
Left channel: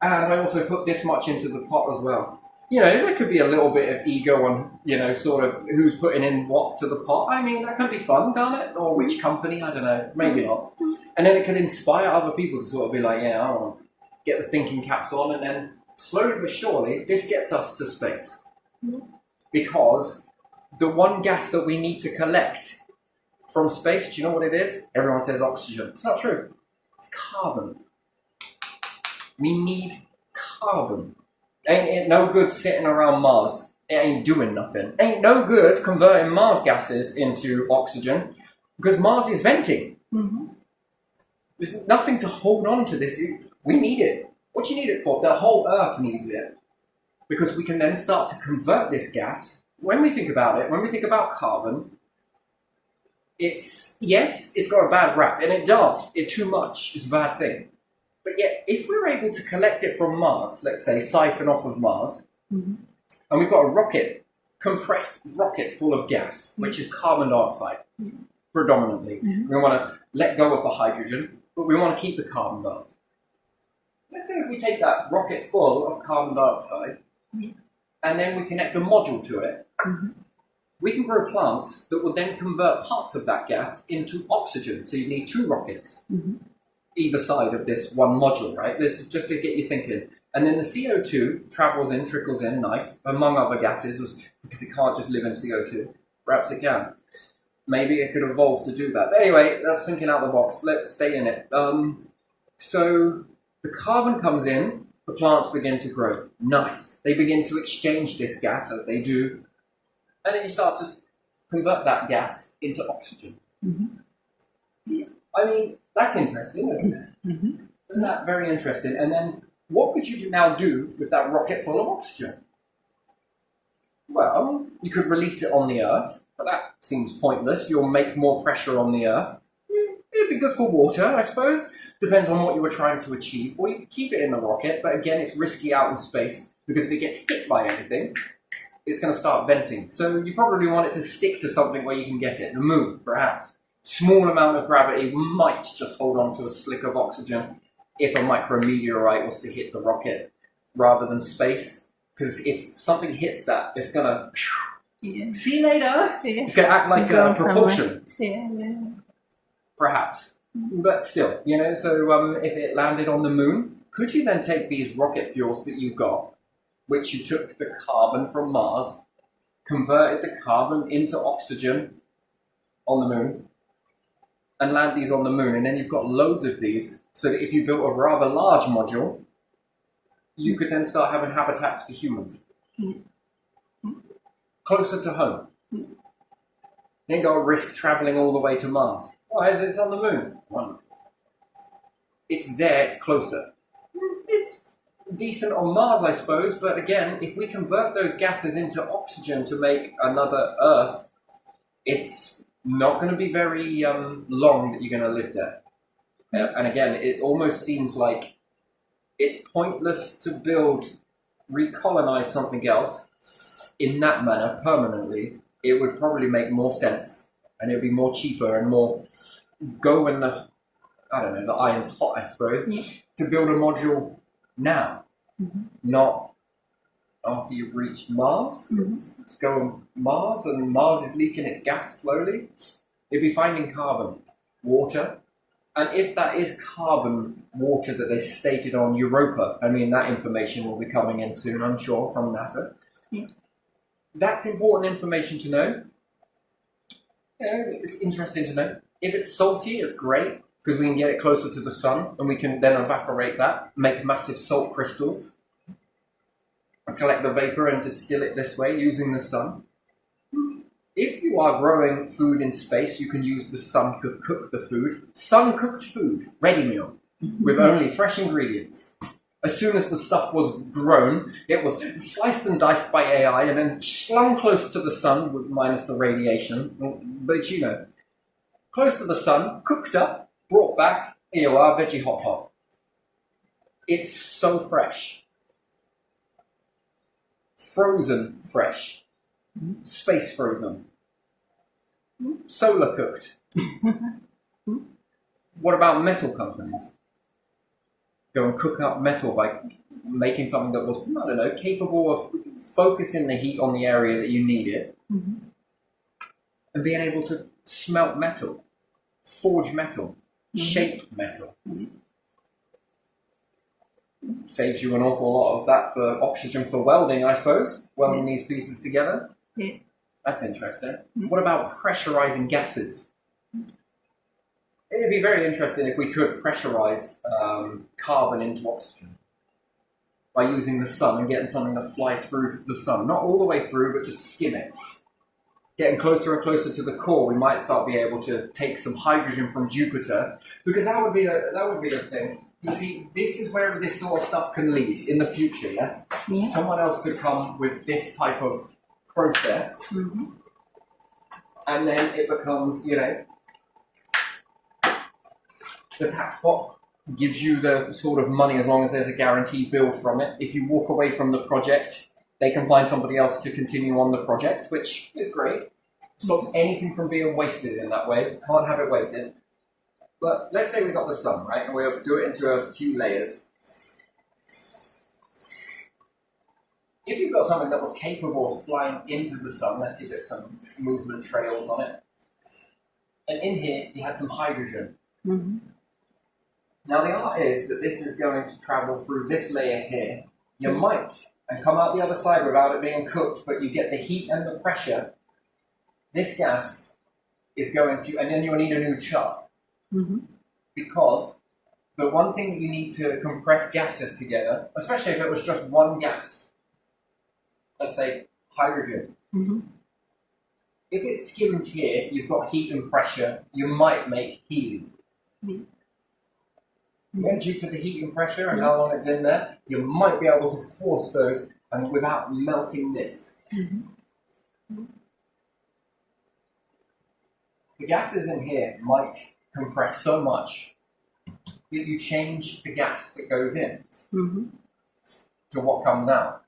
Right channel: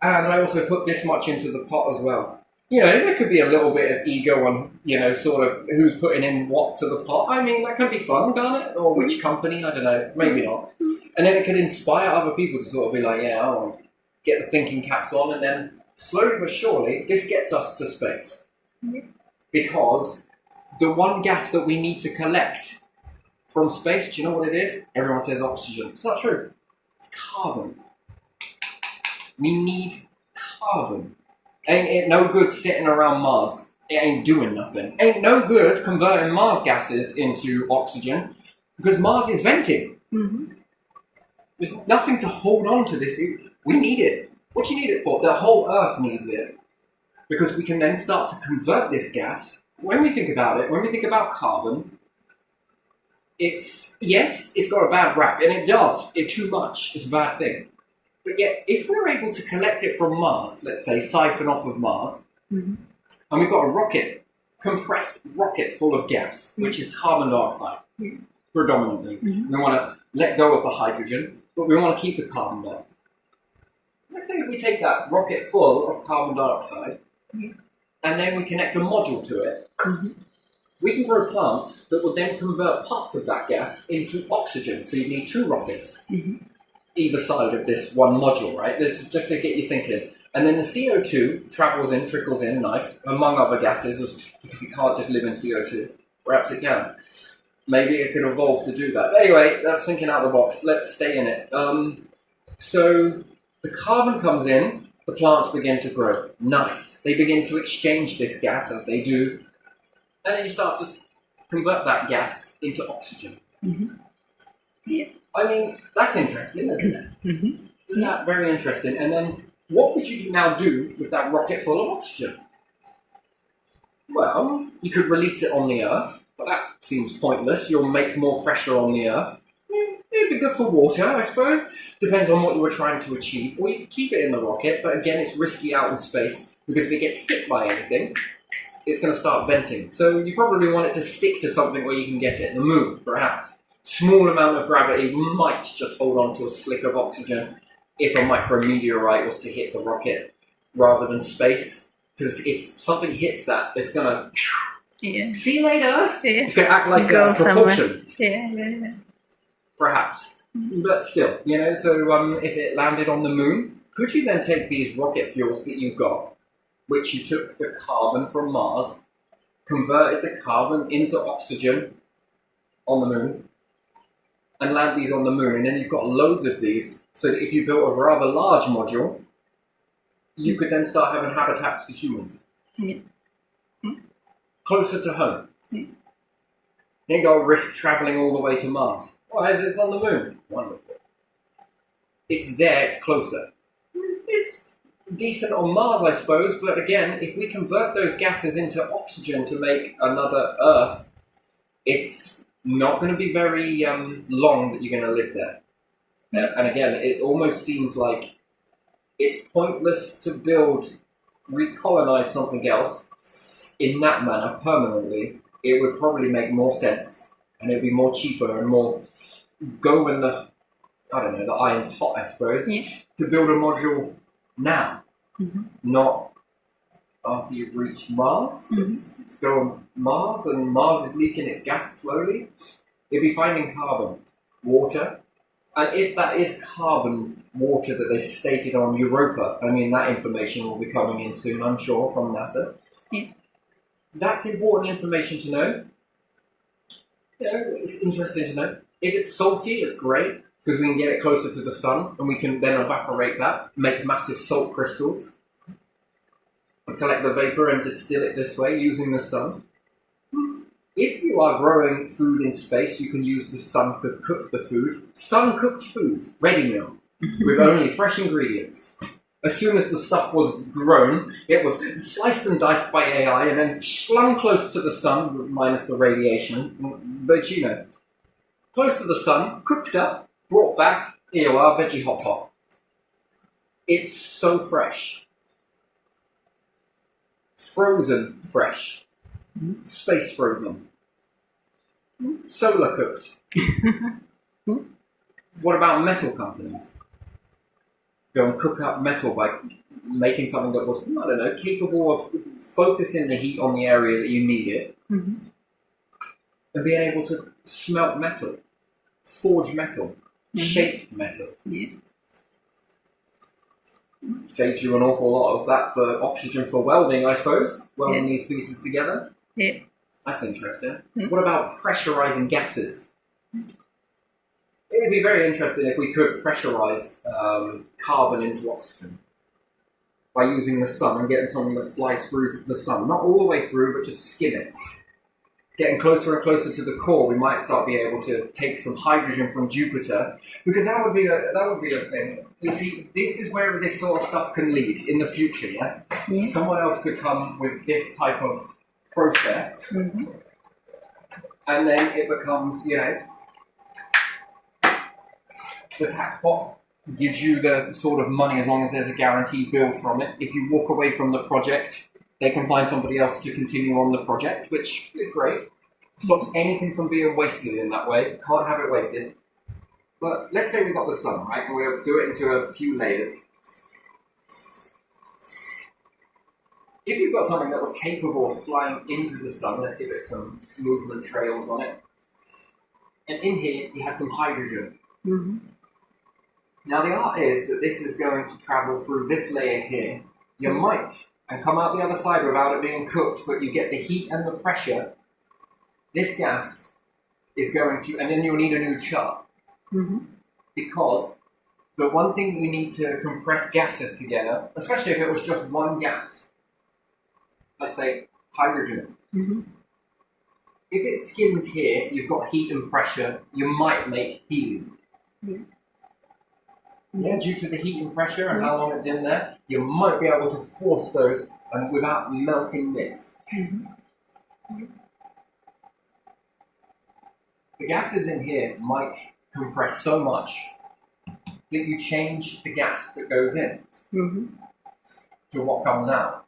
And I also put this much into the pot as well. There could be a little bit of ego on, sort of who's putting in what to the pot. I mean, that can be fun, can't it? Or which company, I don't know, maybe not. And then it could inspire other people to sort of be like, I want to get the thinking caps on, and then slowly but surely, this gets us to space. Yeah. Because the one gas that we need to collect from space, do you know what it is? Everyone says oxygen. It's not true. It's carbon. We need carbon. Ain't it no good sitting around Mars? It ain't doing nothing. Ain't no good converting Mars gases into oxygen because Mars is venting. There's nothing to hold on to this. We need it. What do you need it for? The whole Earth needs it. Because we can then start to convert this gas. When we think about it, when we think about carbon, it's got a bad rap, and it does. Too much is a bad thing. But yet, if we're able to collect it from Mars, let's say, siphon off of Mars, and we've got a compressed rocket full of gas, which is carbon dioxide, predominantly. We want to let go of the hydrogen, but we want to keep the carbon dioxide. Let's say if we take that rocket full of carbon dioxide, and then we connect a module to it, we can grow plants that will then convert parts of that gas into oxygen. So you need two rockets. Either side of this one module, right? This is just to get you thinking. And then the CO2 trickles in, nice, among other gases, because it can't just live in CO2. Perhaps it can. Maybe it could evolve to do that. But anyway, that's thinking out of the box. Let's stay in it. So the carbon comes in, the plants begin to grow. Nice. They begin to exchange this gas as they do. And then you start to convert that gas into oxygen. Yeah. I mean, that's interesting, isn't it? Isn't that very interesting? And then what could you now do with that rocket full of oxygen? Well, you could release it on the Earth, but that seems pointless. You'll make more pressure on the Earth. It'd be good for water, I suppose. Depends on what you were trying to achieve. Or you could keep it in the rocket, but again, it's risky out in space, because if it gets hit by anything, it's going to start venting. So you probably want it to stick to something where you can get it. The moon, perhaps. Small amount of gravity might just hold on to a slick of oxygen if a micrometeorite was to hit the rocket rather than space. Because if something hits that, it's going to... See you later! It's going to act like propulsion. Perhaps. But still, so if it landed on the moon, could you then take these rocket fuels that you got, which you took the carbon from Mars, converted the carbon into oxygen on the moon, and land these on the moon, and then you've got loads of these, so that if you built a rather large module, you could then start having habitats for humans. Closer to home. You ain't got to risk travelling all the way to Mars. Why is it on the moon? Wonderful. It's there, it's closer. decent on Mars, I suppose, but again, if we convert those gases into oxygen to make another Earth, it's not going to be very long that you're going to live there. And again, it almost seems like it's pointless to recolonize something else in that manner permanently. It would probably make more sense, and it would be more cheaper and more go when the iron's hot, I suppose, to build a module now, not after you've reached Mars. Let's go on Mars, and Mars is leaking its gas slowly. It'd be finding carbon, water, and if that is carbon water that they stated on Europa, I mean, that information will be coming in soon, I'm sure, from NASA. Yeah. That's important information to know. It's interesting to know. If it's salty, it's great, because we can get it closer to the sun, and we can then evaporate that, make massive salt crystals, and collect the vapor and distill it this way using the sun. If you are growing food in space, you can use the sun to cook the food. Sun-cooked food, ready meal, with only fresh ingredients. As soon as the stuff was grown, it was sliced and diced by AI and then slung close to the sun, minus the radiation. But close to the sun, cooked up, brought back, here you are, veggie hot pot. It's so fresh. Frozen fresh. Space frozen. Solar cooked. What about metal companies? Go and cook up metal by making something that was, capable of focusing the heat on the area that you need it, and being able to smelt metal, forge metal, shape metal. Yeah. Saves you an awful lot of that for oxygen for welding, I suppose, welding these pieces together. Yeah. That's interesting. What about pressurizing gases? It would be very interesting if we could pressurize carbon into oxygen by using the sun and getting something that flies through the sun. Not all the way through, but just skim it. Getting closer and closer to the core, we might start being able to take some hydrogen from Jupiter, because that would be a thing. You see, this is where this sort of stuff can lead in the future, yes? Yeah. Someone else could come with this type of process, and then it becomes, the tax pot gives you the sort of money as long as there's a guaranteed bill from it. If you walk away from the project, they can find somebody else to continue on the project, which is great. Stops anything from being wasted in that way. Can't have it wasted. But let's say we got the sun, right? And we'll do it into a few layers. If you've got something that was capable of flying into the sun, let's give it some movement trails on it. And in here, you had some hydrogen. Now the art is that this is going to travel through this layer here. You might, and come out the other side without it being cooked, but you get the heat and the pressure. This gas is going to, and then you'll need a new chart. Because the one thing you need to compress gases together, especially if it was just one gas, let's say hydrogen. If it's skimmed here, you've got heat and pressure, you might make helium. Yeah, due to the heat and pressure and how long it's in there, you might be able to force those and without melting this. The gases in here might compress so much that you change the gas that goes in to what comes out.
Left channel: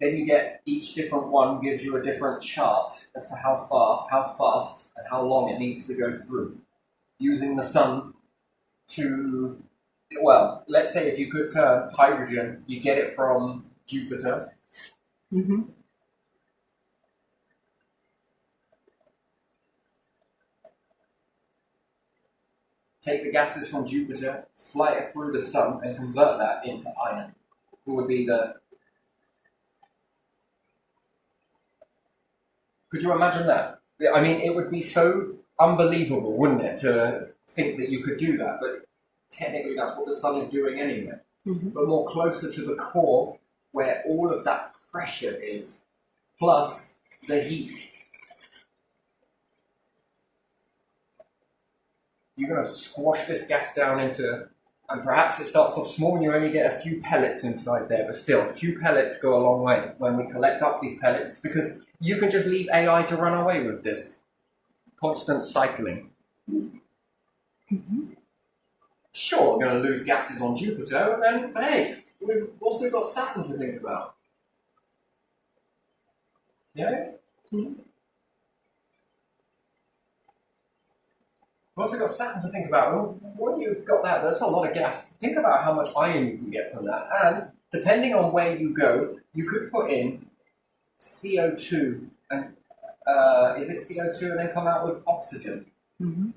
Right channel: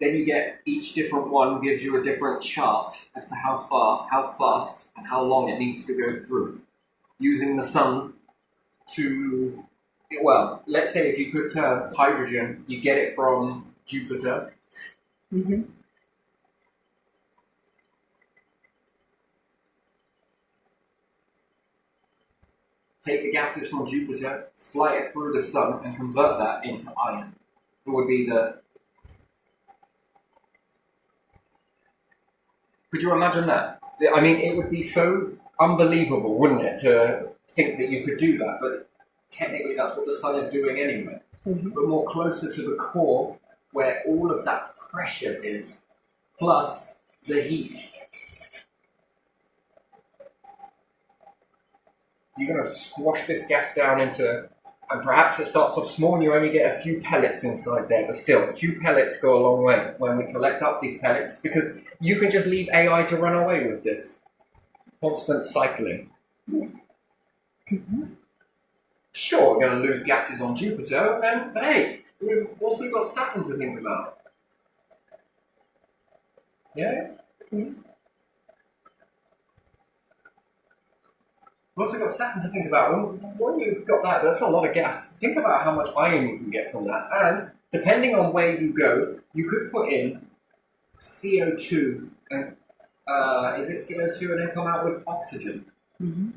Then you get each different one gives you a different chart as to how far, how fast, and how long it needs to go through. Using the sun to, well, let's say if you could turn hydrogen, you get it from Jupiter. Take the gases from Jupiter, fly it through the sun, and convert that into iron. It would be the... Could you imagine that? I mean, it would be so unbelievable, wouldn't it, to think that you could do that, but technically that's what the sun is doing anyway. But more closer to the core, where all of that pressure is, plus the heat. You're going to squash this gas down into And perhaps it starts off small and you only get a few pellets inside there, but still, a few pellets go a long way when we collect up these pellets, because you can just leave AI to run away with this constant cycling. Sure, we're going to lose gases on Jupiter, and hey, we've also got Saturn to think about. Yeah? We've also got Saturn to think about. Well, when you've got that, that's a lot of gas. Think about how much iron you can get from that. And depending on where you go, you could put in CO2 and is it CO2 and then come out with oxygen? Mm-hmm.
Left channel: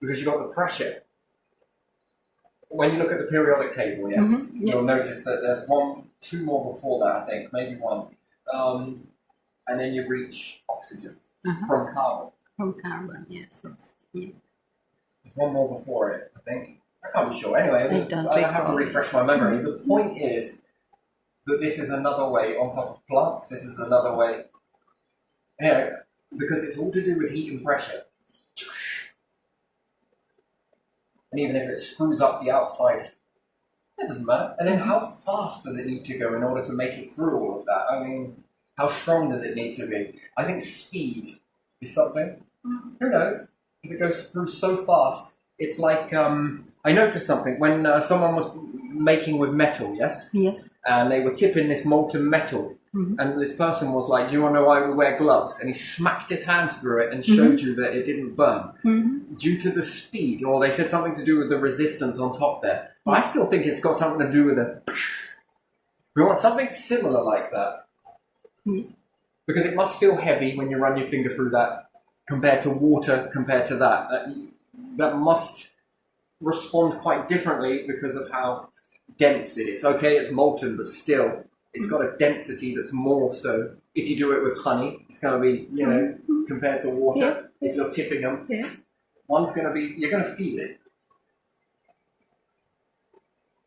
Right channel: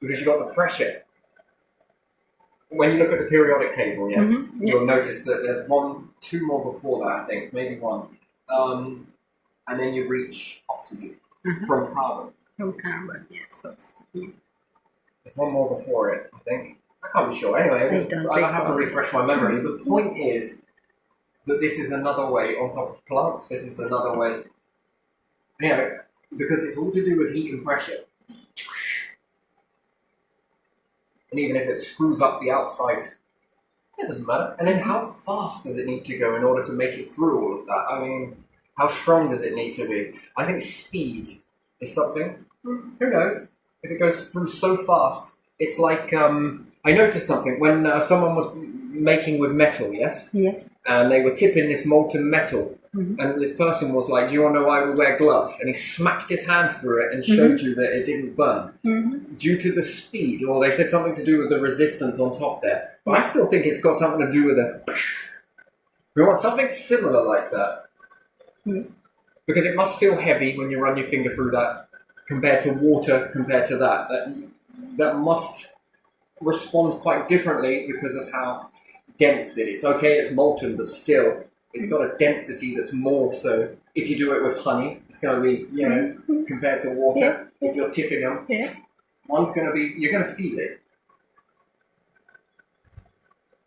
Because you've got the pressure. When you look at the periodic table, yes, you'll notice that there's two more before that, I think, maybe one. And then you reach oxygen from carbon. From carbon, yes. Yeah. There's one more before it, I think. I can't be sure. Anyway, I have to refresh my memory. The point is that this is another way on top of plants. This is another way. Anyway, because it's all to do with heat and pressure. And even if it screws up the outside, it doesn't matter. And then how fast does it need to go in order to make it through all of that? I mean, how strong does it need to be? I think speed is something. Who knows? If it goes through so fast, it's like, I noticed something when someone was making with metal, yes? Yeah. And they were tipping this molten metal. And this person was like, do you want to know why we wear gloves? And he smacked his hand through it and showed you that it didn't burn. Due to the speed, or they said something to do with the resistance on top there. But I still think it's got something to do with the... We want something similar like that. Because it must feel heavy when you run your finger through that, compared to water, compared to that. That must respond quite differently because of how dense it is. Okay, it's molten, but still... It's got a density that's more, so if you do it with honey, it's going to be, you know, compared to water, if you're tipping them, one's going to be, you're going to feel it.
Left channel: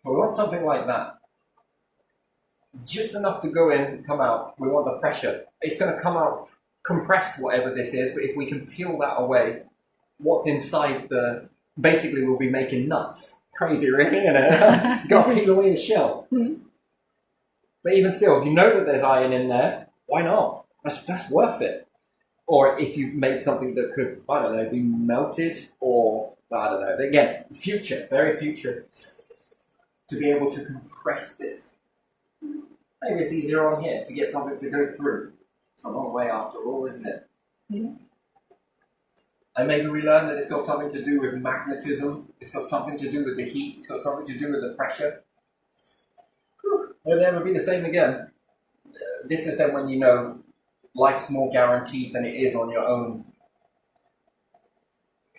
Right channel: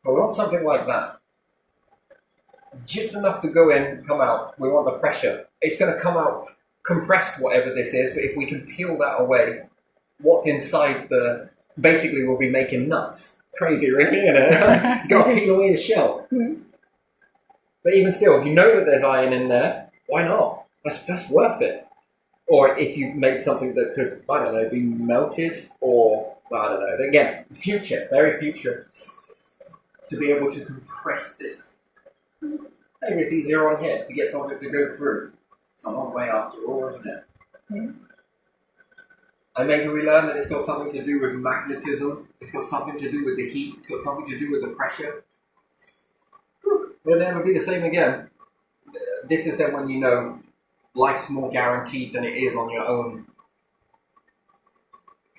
But we want something like that. Just enough to go in, come out. We want the pressure. It's going to come out compressed, whatever this is, but if we can peel that away, what's inside the, basically we'll be making nuts. Crazy, really, you know? You've got to peel away the shell. But even still, if you know that there's iron in there, why not? That's worth it. Or if you made something that could, I don't know, be melted, or, I don't know, again, future, very future, to be able to compress this. Maybe it's easier on here to get something to go through. It's a long way after all, isn't it? And maybe we learn that it's got something to do with magnetism, it's got something to do with the heat, it's got something to do with the pressure. It'll never be the same again. This is then when you know life's more guaranteed than it is on your own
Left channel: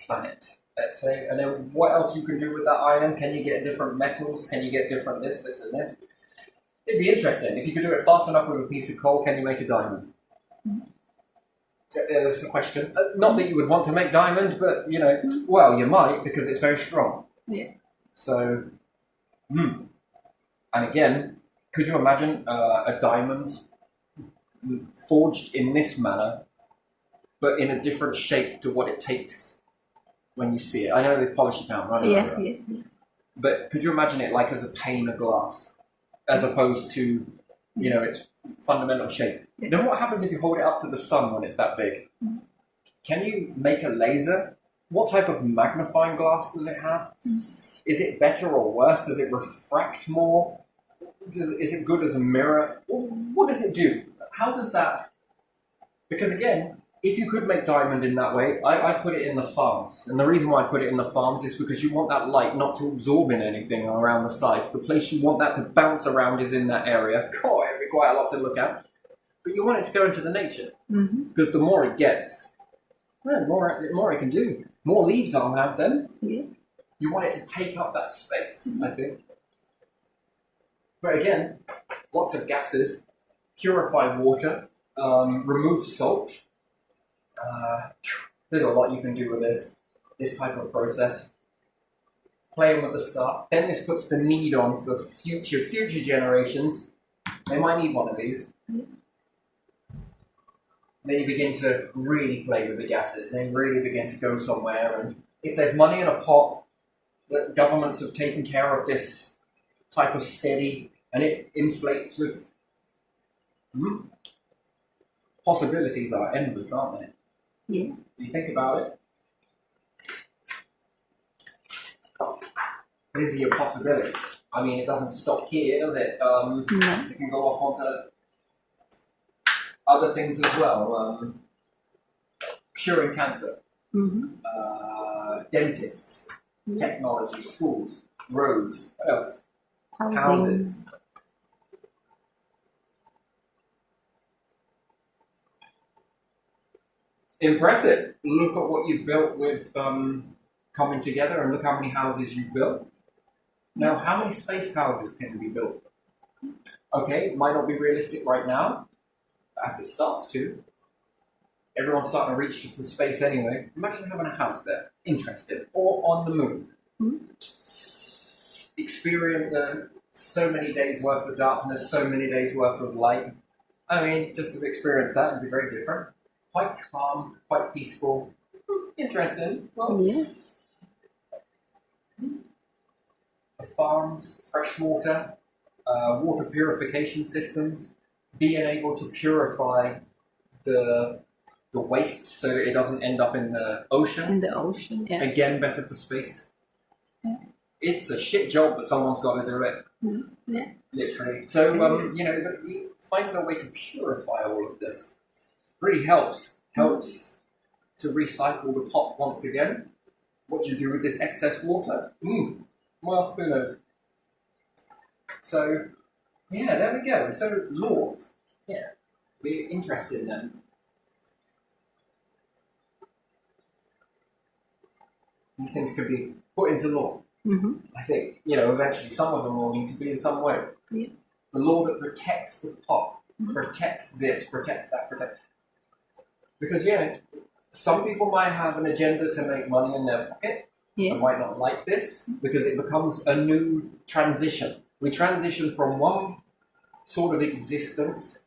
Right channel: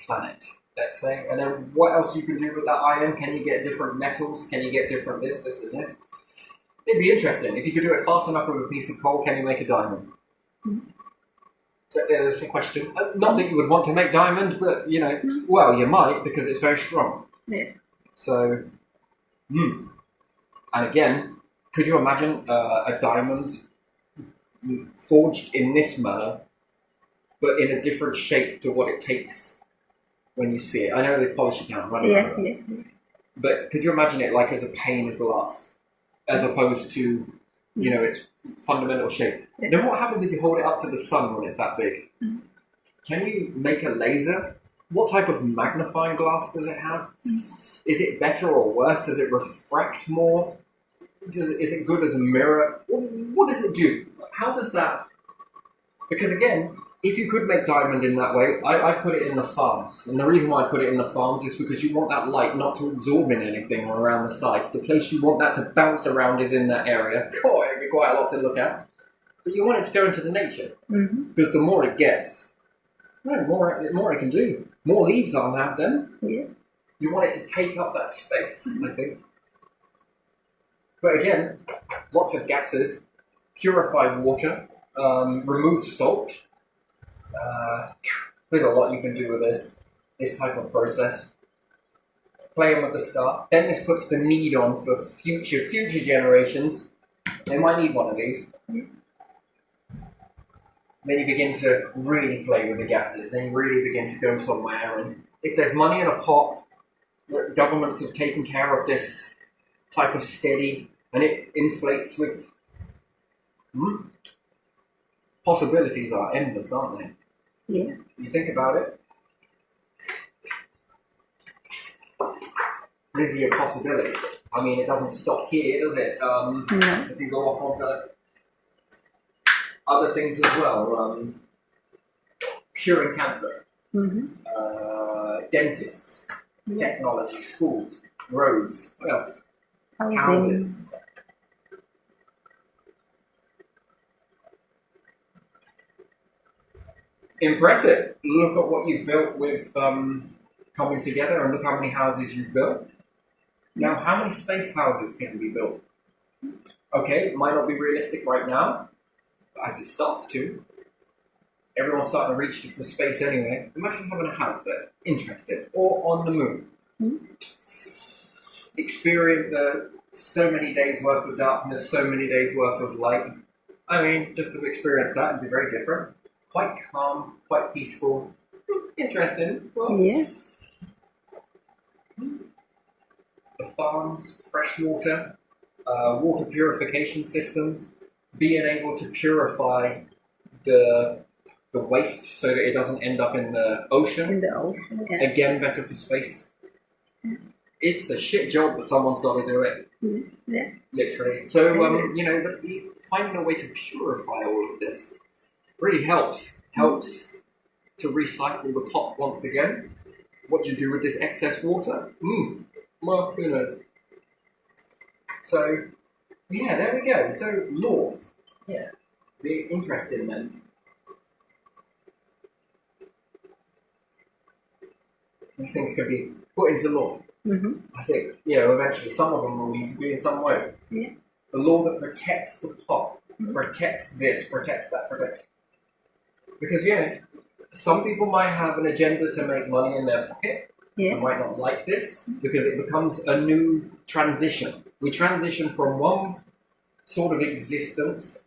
planet, let's say. And then what else you can do with that iron? Can you get different metals? Can you get different this and this? It'd be interesting. If you could do it fast enough with a piece of coal, can you make a diamond? There's the question. Not that you would want to make diamond, but, you know, well, you might, because it's very strong. So, and again, could you imagine a diamond forged in this manner, but in a different shape to what it takes when you see it? I know they polish it down, right? But could you imagine it like as a pane of glass, as opposed to, you know, its fundamental shape? Then what happens if you hold it up to the sun when it's that big? Can you make a laser? What type of magnifying glass does it have? Is it better or worse? Does it refract more? Is it good as a mirror? What does it do? How does that... Because again, if you could make diamond in that way, I put it in the farms. And the reason why I put it in the farms is because you want that light not to absorb in anything around the sides. The place you want that to bounce around is in that area. God, it'd be quite a lot to look at. But you want it to go into the nature. Because the more it gets, the more it can do. More leaves I'll have then. You want it to take up that space, I think. But again, lots of gases, purified water, remove salt. There's a lot you can do with this type of process. Playing with the stuff. Then this puts the need on for future generations. They might need one of these. Then you begin to really play with the gases. Then you really begin to go somewhere. And if there's money in a pot, the governments have taken care of this type of steady, and it inflates with possibilities are endless, aren't they? Yeah. You think about it. These are your possibilities. I mean, it doesn't stop here, does it? No. It can go off onto other things as well. Curing cancer, dentists, technology, schools, roads. What else? Housing. Houses. Impressive. Look at what you've built with coming together, and look how many houses you've built. Now, how many space houses can be built? Okay, it might not be realistic right now, but as it starts to, everyone's starting to reach for space anyway. Imagine having a house there, interesting, or on the moon. Experience so many days worth of darkness, so many days worth of light. I mean, just to experience that would be very different. Quite calm, quite peaceful. Interesting. Well, Yeah. The farms, fresh water, water purification systems, being able to purify the waste so that it doesn't end up in the ocean. In the ocean, yeah. Again, better for space. Yeah. It's a shit job, but someone's got to do it. Yeah. Literally. So, It is. you know, finding a way to purify all of this really helps. Helps to recycle the pot once again. What do you do with this excess water? Well, who knows? So, yeah, there we go. So, laws. Yeah. Be interesting then. These things can be put into law. I think, you know, eventually some of them will need to be in some way. Yeah. The law that protects the pot, protects this, protects that, protects. Because, yeah, some people might have an agenda to make money in their pocket. Yeah. They might not like this because it becomes a new transition. We transition from one sort of existence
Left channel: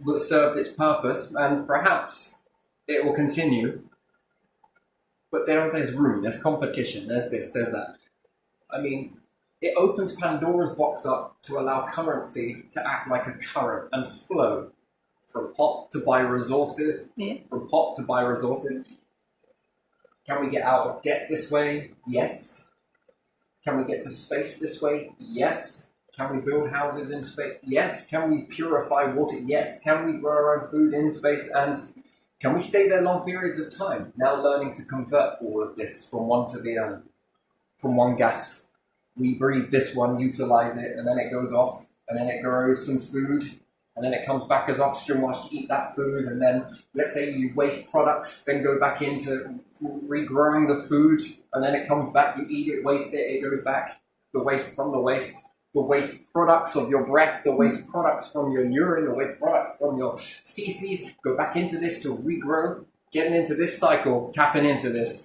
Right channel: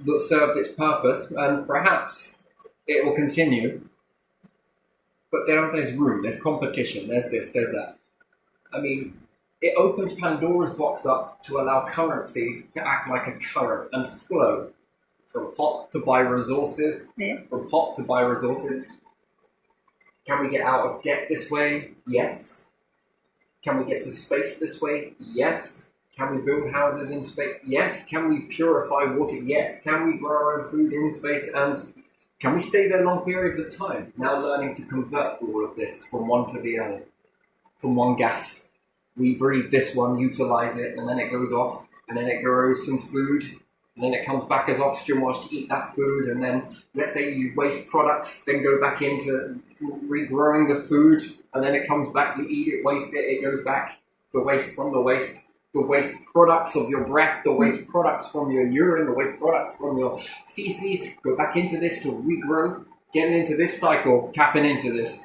that served its purpose, and perhaps it will continue. But there's room, there's competition, there's this, there's that. I mean, it opens Pandora's box up to allow currency to act like a current and flow from pot to buy resources, from pot to buy resources. Can we get out of debt this way? Yes. Can we get to space this way? Yes. Can we build houses in space? Yes. Can we purify water? Yes. Can we grow our own food in space? And can we stay there long periods of time? Now learning to convert all of this from one to the other. From one gas. We breathe this one, utilize it, and then it goes off, and then it grows some food, and then it comes back as oxygen whilst you eat that food, and then let's say you waste products, then go back into regrowing the food, and then it comes back, you eat it, waste it, it goes back, the waste from the waste products of your breath, the waste products from your urine, the waste products from your feces, go back into this to regrow, getting into this cycle, tapping into this,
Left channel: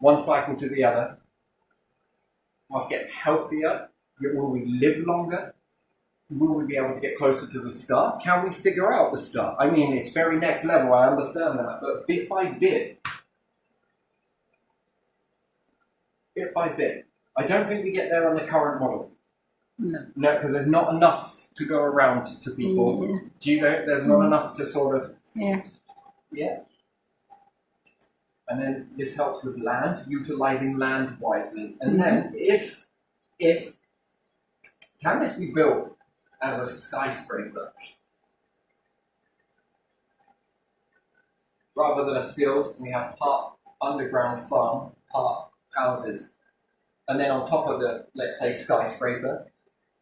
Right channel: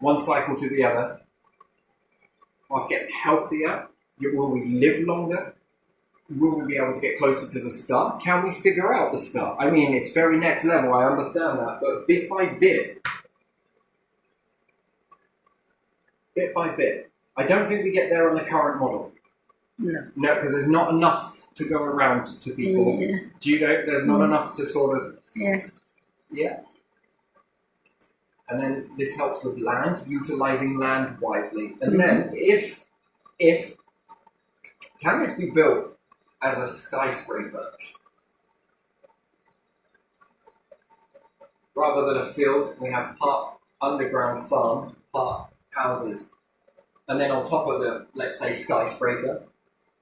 one cycle to the other, whilst getting healthier. Will we live longer? Will we be able to get closer to the star? Can we figure out the star? I mean, it's very next level, I understand that, but bit by bit, I don't think we get there on the current model. No, because there's not enough to go around to people. Yeah. Do you know? There's not enough to sort of... Yeah. And then this helps with land, utilizing land wisely. And then if can this be built as a skyscraper rather than a field? We have part underground farm, part houses, and then on top of the, let's say, skyscraper,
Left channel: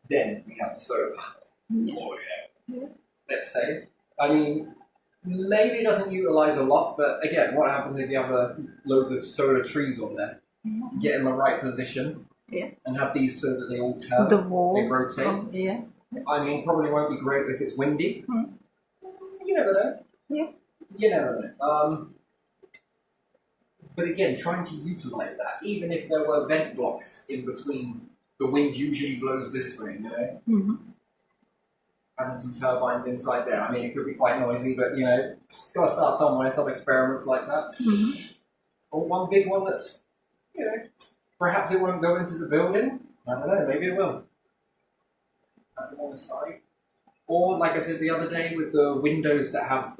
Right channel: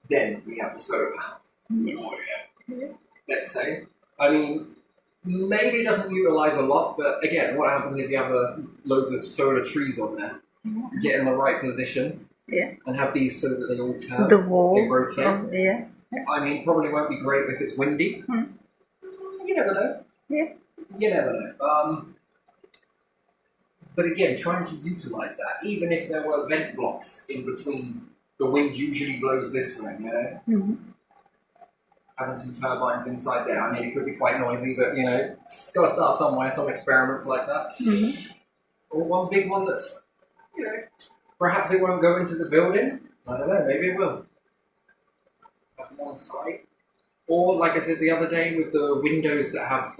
then we have the solar panels. Let's say. I mean, maybe it doesn't utilize a lot, but again, what happens if you have loads of solar trees on there? Get in the right position and have these so that they all turn, the walls, they rotate. I mean, probably won't be great if it's windy. You never know. You never know. But again, trying to utilize that, even if there were vent blocks in between, the wind usually blows this way, you know? having some turbines inside there. I mean, it could be quite noisy, but you know, got to start somewhere. Some experiments like that, or one big one that's, you know, perhaps it won't go into the building. I don't know. Maybe it will. Have them on the side, or like I said the other day, with the windows that have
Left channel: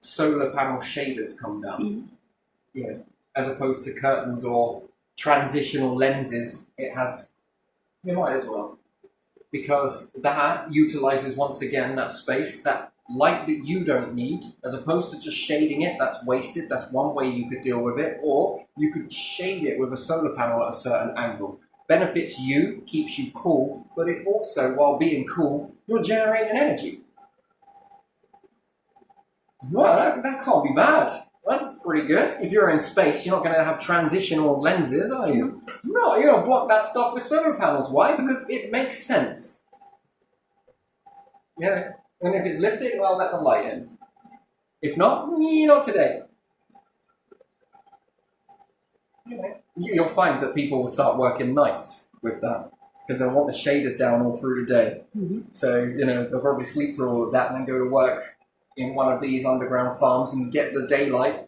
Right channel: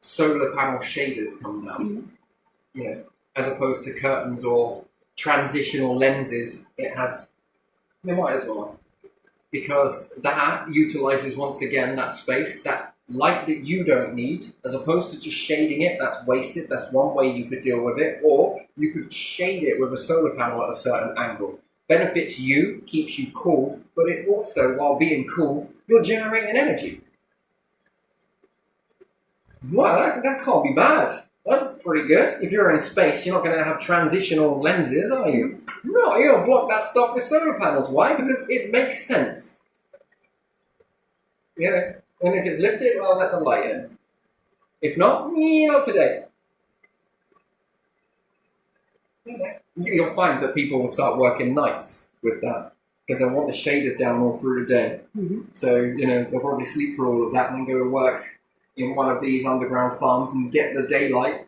solar panel shaders come down. You know, as opposed to curtains or transitional lenses, it has. You might as well, because that utilizes once again that space, that light that you don't need, as opposed to just shading it. That's wasted. That's one way you could deal with it, or you could shade it with a solar panel at a certain angle. Benefits you, keeps you cool, but it also, while being cool, you're generating energy. Well, that can't be bad. That's pretty good. If you're in space, you're not going to have transitional lenses, are you? No, you're going to block that stuff with solar panels. Why? Because it makes sense. Yeah, and if it's lifted, well, let the light in. If not, not today. You'll find that people will start working nights with that, because they'll want the shaders down all through the day. So, you know, they'll probably sleep through all of that and then go to work in one of these underground farms and get the daylight.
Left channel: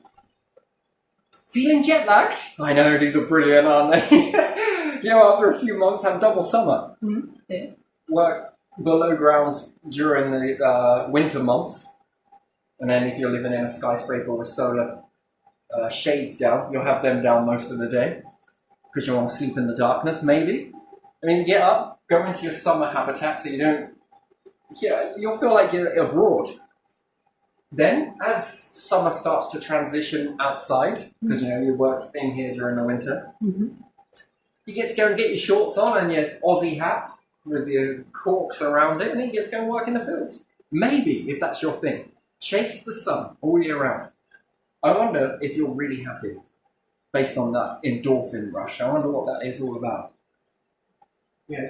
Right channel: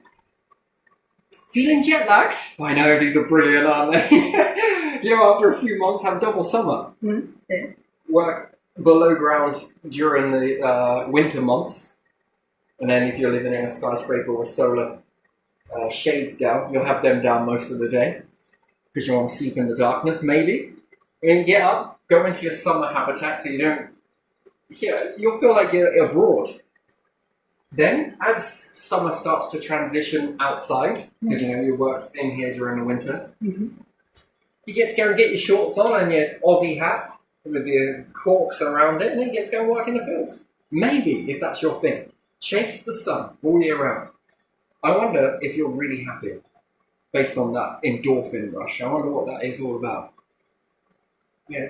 Feeling jet lagged? I know, these are brilliant, aren't they? You know, after a few months, have double summer. Yeah. Work below ground during the winter months. And then if you're living in a skyscraper with solar shades down, you'll have them down most of the day, because you want to sleep in the darkness, maybe. I mean, get up, go into your summer habitat so you don't... Yeah, you'll feel like you're abroad. Then, as summer starts to transition outside, because you know you worked in here during the winter, you get to go and get your shorts on and your Aussie hat with your corks around it, and then you get to go and work in the fields. Maybe, if that's your thing. Chase the sun all year round. I wonder if you're really happy based on that endorphin rush. I wonder what that is all about. Yeah,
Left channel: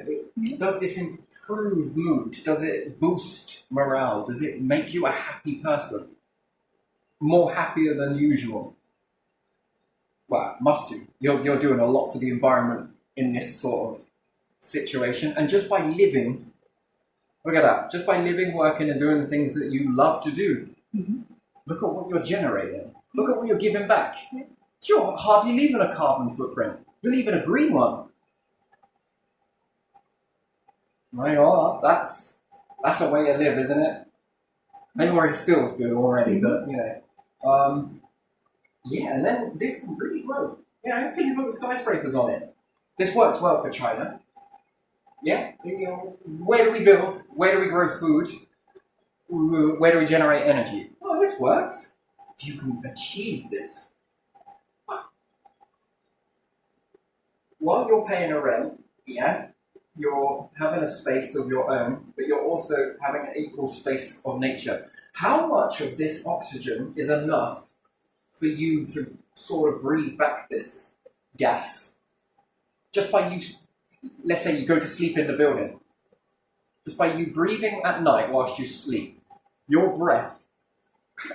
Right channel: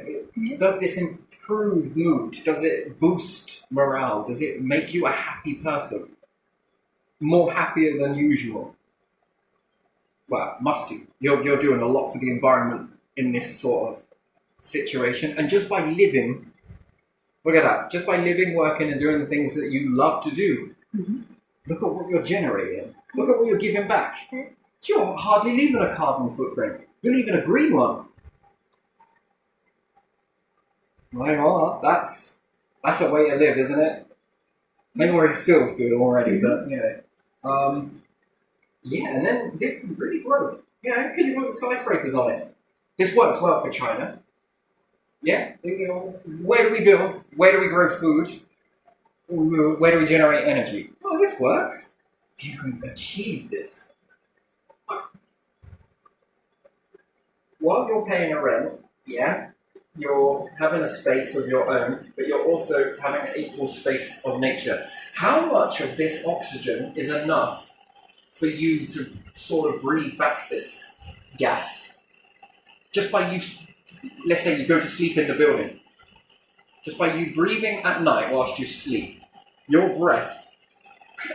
does this improve mood? Does it boost morale? Does it make you a happy person? More happier than usual? Well, must do. You're doing a lot for the environment in this sort of situation. And just by living, look at that, just by living, working and doing the things that you love to do, look at what you're generating. Look at what you're giving back. You're hardly leaving a carbon footprint. You're leaving a green one. Well, that's a way to live, isn't it? Maybe already feels good already, but you know, yeah. And then this can really grow. You know, can you put skyscrapers on it? This works well for China. Yeah. You know, where do we build? Where do we grow food? Where do we generate energy? Oh, this works. If you can achieve this, while you're paying a rent, yeah. You're having a space of your own, but you're also having an equal space of nature. How much of this oxygen is enough for you to sort of breathe back this gas? Just by you, let's say you go to sleep in the building. Just by you breathing at night whilst you sleep, your breath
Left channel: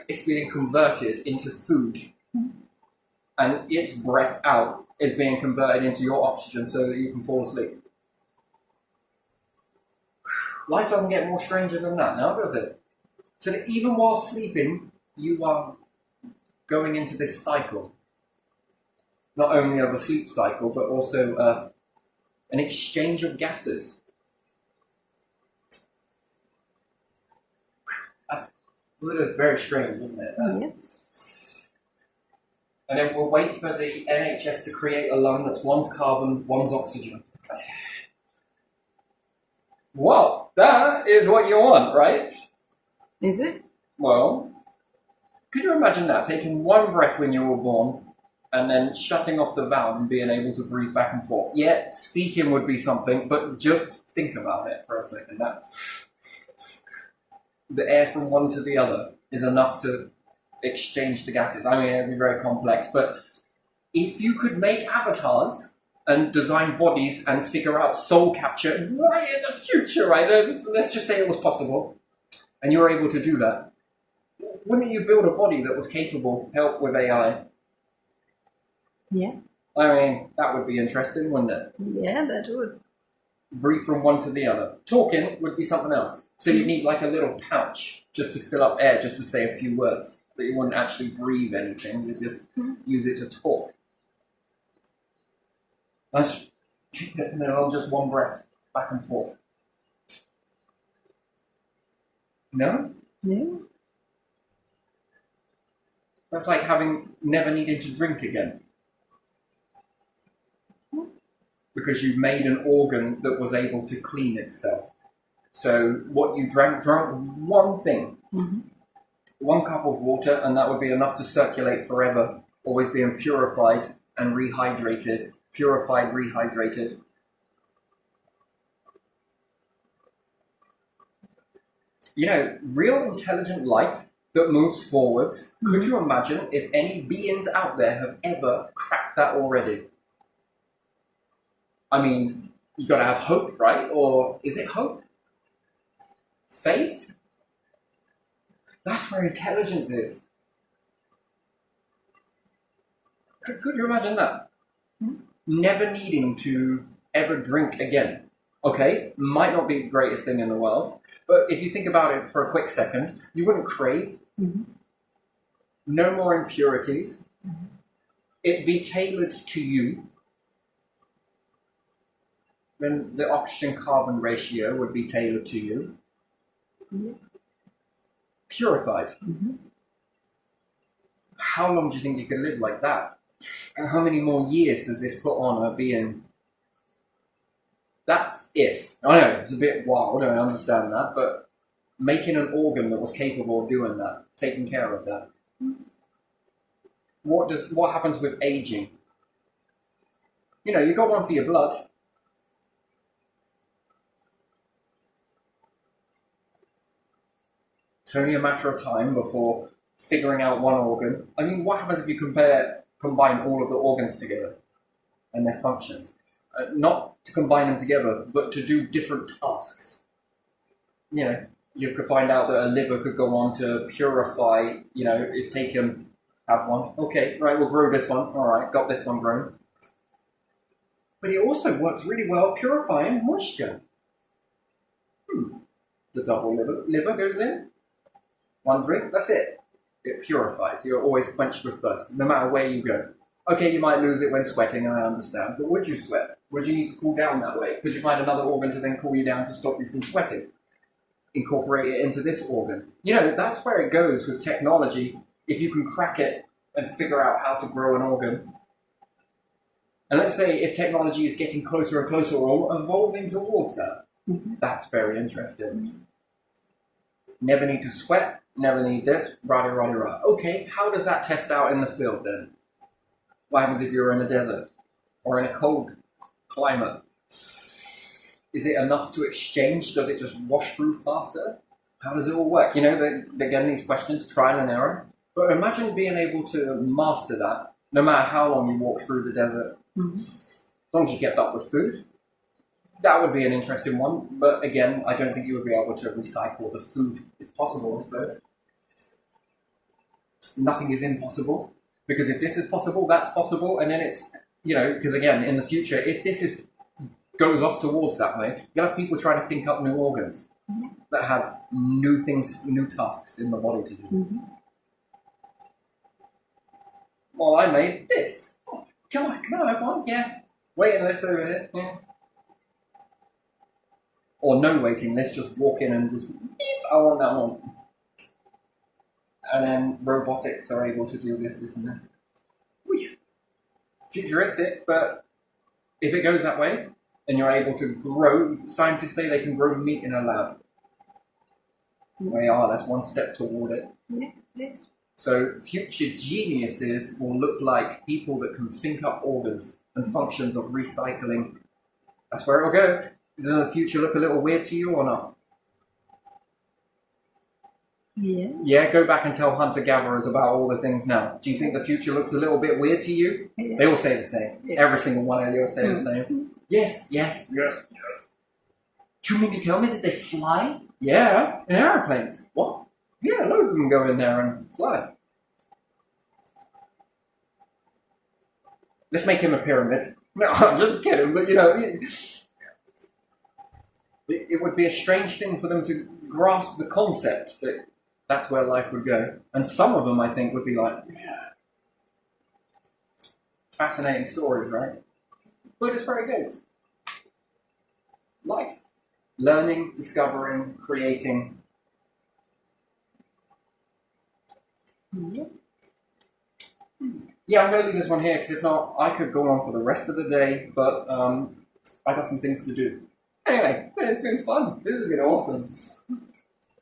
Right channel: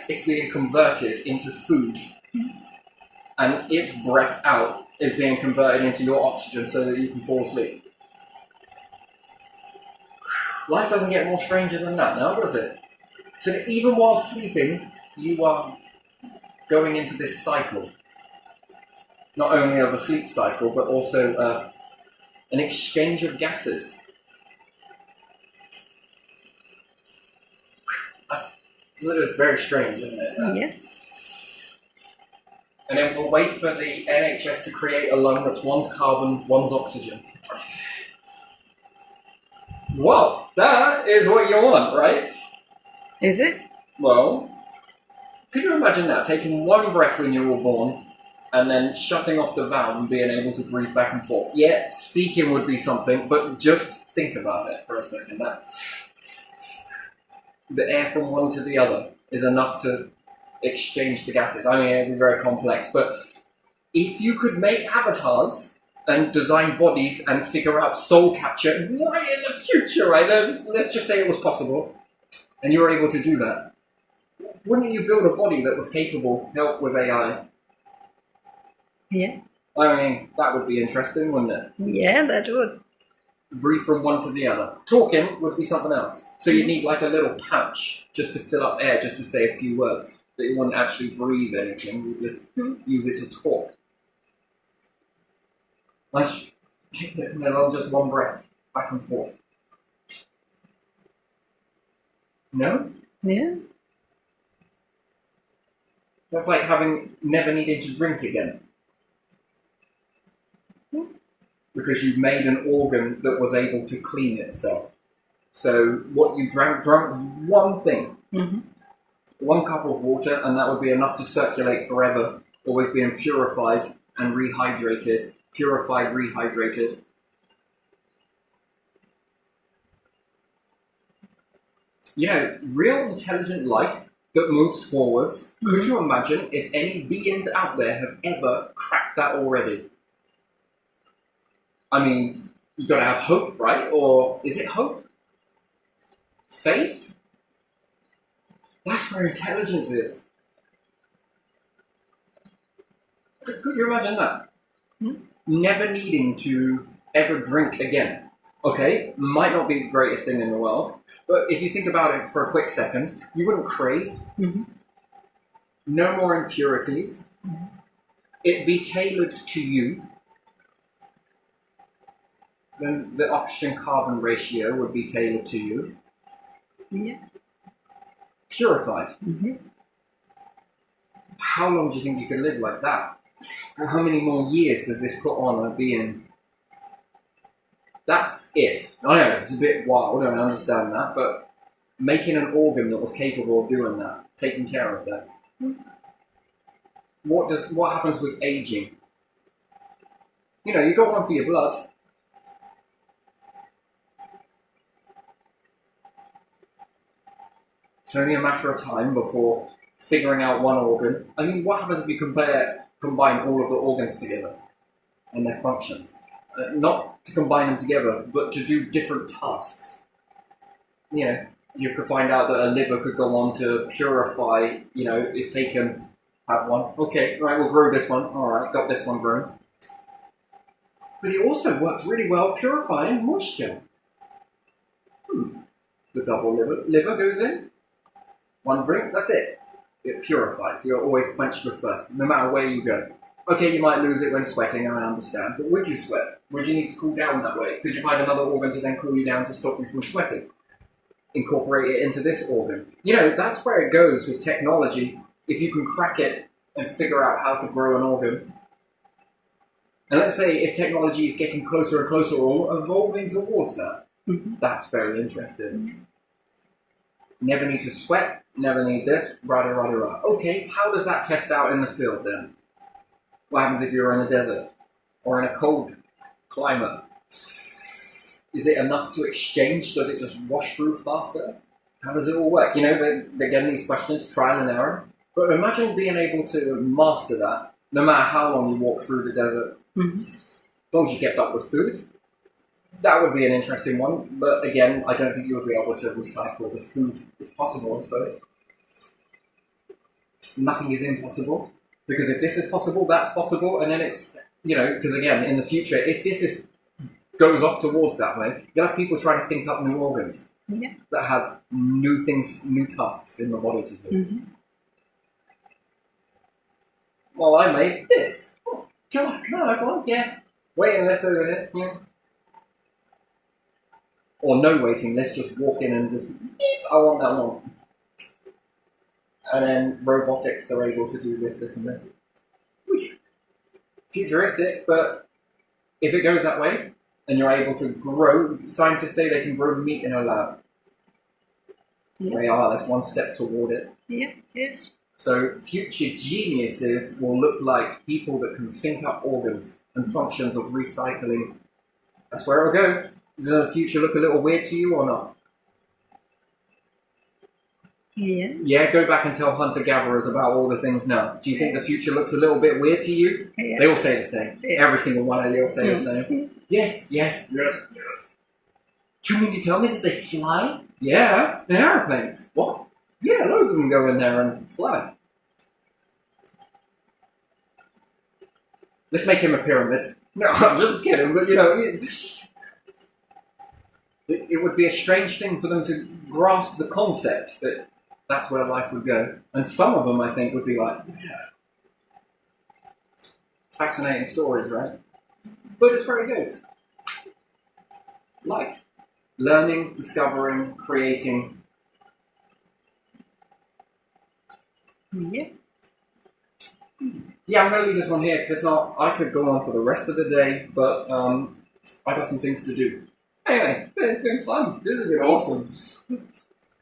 is being converted into food. And its breath out is being converted into your oxygen so that you can fall asleep. Life doesn't get more stranger than that now, does it? So that even while sleeping, you are going into this cycle. Not only of a sleep cycle, but also an exchange of gases. That's very strange, isn't it? Yes. And then we'll wait for the NHS to create a lung that's one's carbon, one's oxygen. Well, that is what you want, right? Is it? Well, could you imagine that? Taking one breath when you were born and then shutting off the valve and being able to breathe back and forth. Yeah, speaking would be something, but just think about it for a second. That the air from one to the other is enough to exchange the gases. I mean, it'd be very complex, but if you could make avatars and design bodies and figure out soul capture right in the future, right? Let's just say it was possible, and you were able to do that. Wouldn't you build a body that was capable, help with AI? Yeah. I mean, that would be interesting, wouldn't it? Yeah, that would. breathe from one to the other. Talking would be something else. So you need like a little pouch just to fill up air, just to say a few words. But you wouldn't actually breathe anything. You just use it to talk. Let's take it and then on just one breath, back and forth. No? Yeah. That's like having never needed to drink again. Because you've made an organ that was able to clean itself. So what you drank one thing, one cup of water, and that would be enough to circulate forever, always being purified and rehydrated, purified, rehydrated. You know, real intelligent life that moves forwards. Could you imagine if any beings out there have ever cracked that already? I mean, you got to have hope, right? Or is it hope? Faith? That's where intelligence is. Could you imagine that? Never needing to ever drink again. Okay, might not be the greatest thing in the world, but if you think about it for a quick second, you wouldn't crave. No more impurities. It'd be tailored to you. Then the oxygen-carbon ratio would be tailored to you. Yeah. Purified. How long do you think you could live like that? And how many more years does this put on a being? That's if. I know, it's a bit wild, I understand that, but making an organ that was capable of doing that, taking care of that. What happens with aging? You know, you got one for your blood. It's only a matter of time before figuring out one organ. I mean, what happens if you combine all of the organs together and their functions? Not to combine them together, but to do different tasks. You know, you could find out that a liver could go on to purify, you know, if taken, have one. Okay, right, we'll grow this one. All right, got this one grown. But it also works really well purifying moisture. The double liver goes in. One drink, that's it. It purifies. You're always quenched with thirst, no matter where you go. Okay, you might lose it when sweating, I understand, but would you sweat? Would you need to cool down that way? Could you find another organ to then cool you down to stop you from sweating? Incorporate it into this organ. You know, that's where it goes with technology. If you can crack it and figure out how to grow an organ. And let's say if technology is getting closer and closer or evolving towards that, that's very interesting. Never need to sweat, never need this, rah. Okay, how does that test out in the field then? What happens if you're in a desert or in a cold climate? Is it enough to exchange? Does it just wash through faster? How does it all work? You know, they're getting these questions, trial and error. But imagine being able to master that, no matter how long you walk through the desert. As long as you kept up with food. That would be an interesting one, but again, I don't think you would be able to recycle the food. It's possible, I suppose. Nothing is impossible, because if this is possible, that's possible, and then it's, you know, because again, in the future, if this goes off towards that way, you'll have people trying to think up new organs that have new things, new tasks in the body to do. Well, I made this. Oh, can I have one? Yeah. Waiting list over here. Yeah. Or no waiting list, just walk in and just, beep, I want that one. And then robotics are able to do this, and this. Futuristic, but if it goes that way, and you're able to grow, scientists say they can grow meat in a lab. That's one step toward it. Yes. So future geniuses will look like people that can think up organs and functions of recycling. That's where it'll go. Does the future look a little weird to you or not? Yeah. Yeah, go back and tell hunter-gatherers about all the things now. Do you think the future looks a little bit weird to you? Yeah. They all say the same. Yeah. Every single one of you will say the same. Yes. Do you mean to tell me that they fly? Yeah, in aeroplanes. What? Yeah, loads of them go in there and fly. Let's make him a pyramid. No, I'm just kidding, but you know... it would be a strange thing for them to grasp the concept that that's where life would go. And some of them, I think, would be like, yeah, fascinating stories, right? But it's where it goes. Life. Learning, discovering, creating. Yeah. Yeah, I'm going to leave this one here because if not, I could go on for the rest of the day, but I got some things to do. Anyway, it's been fun. This has been awesome.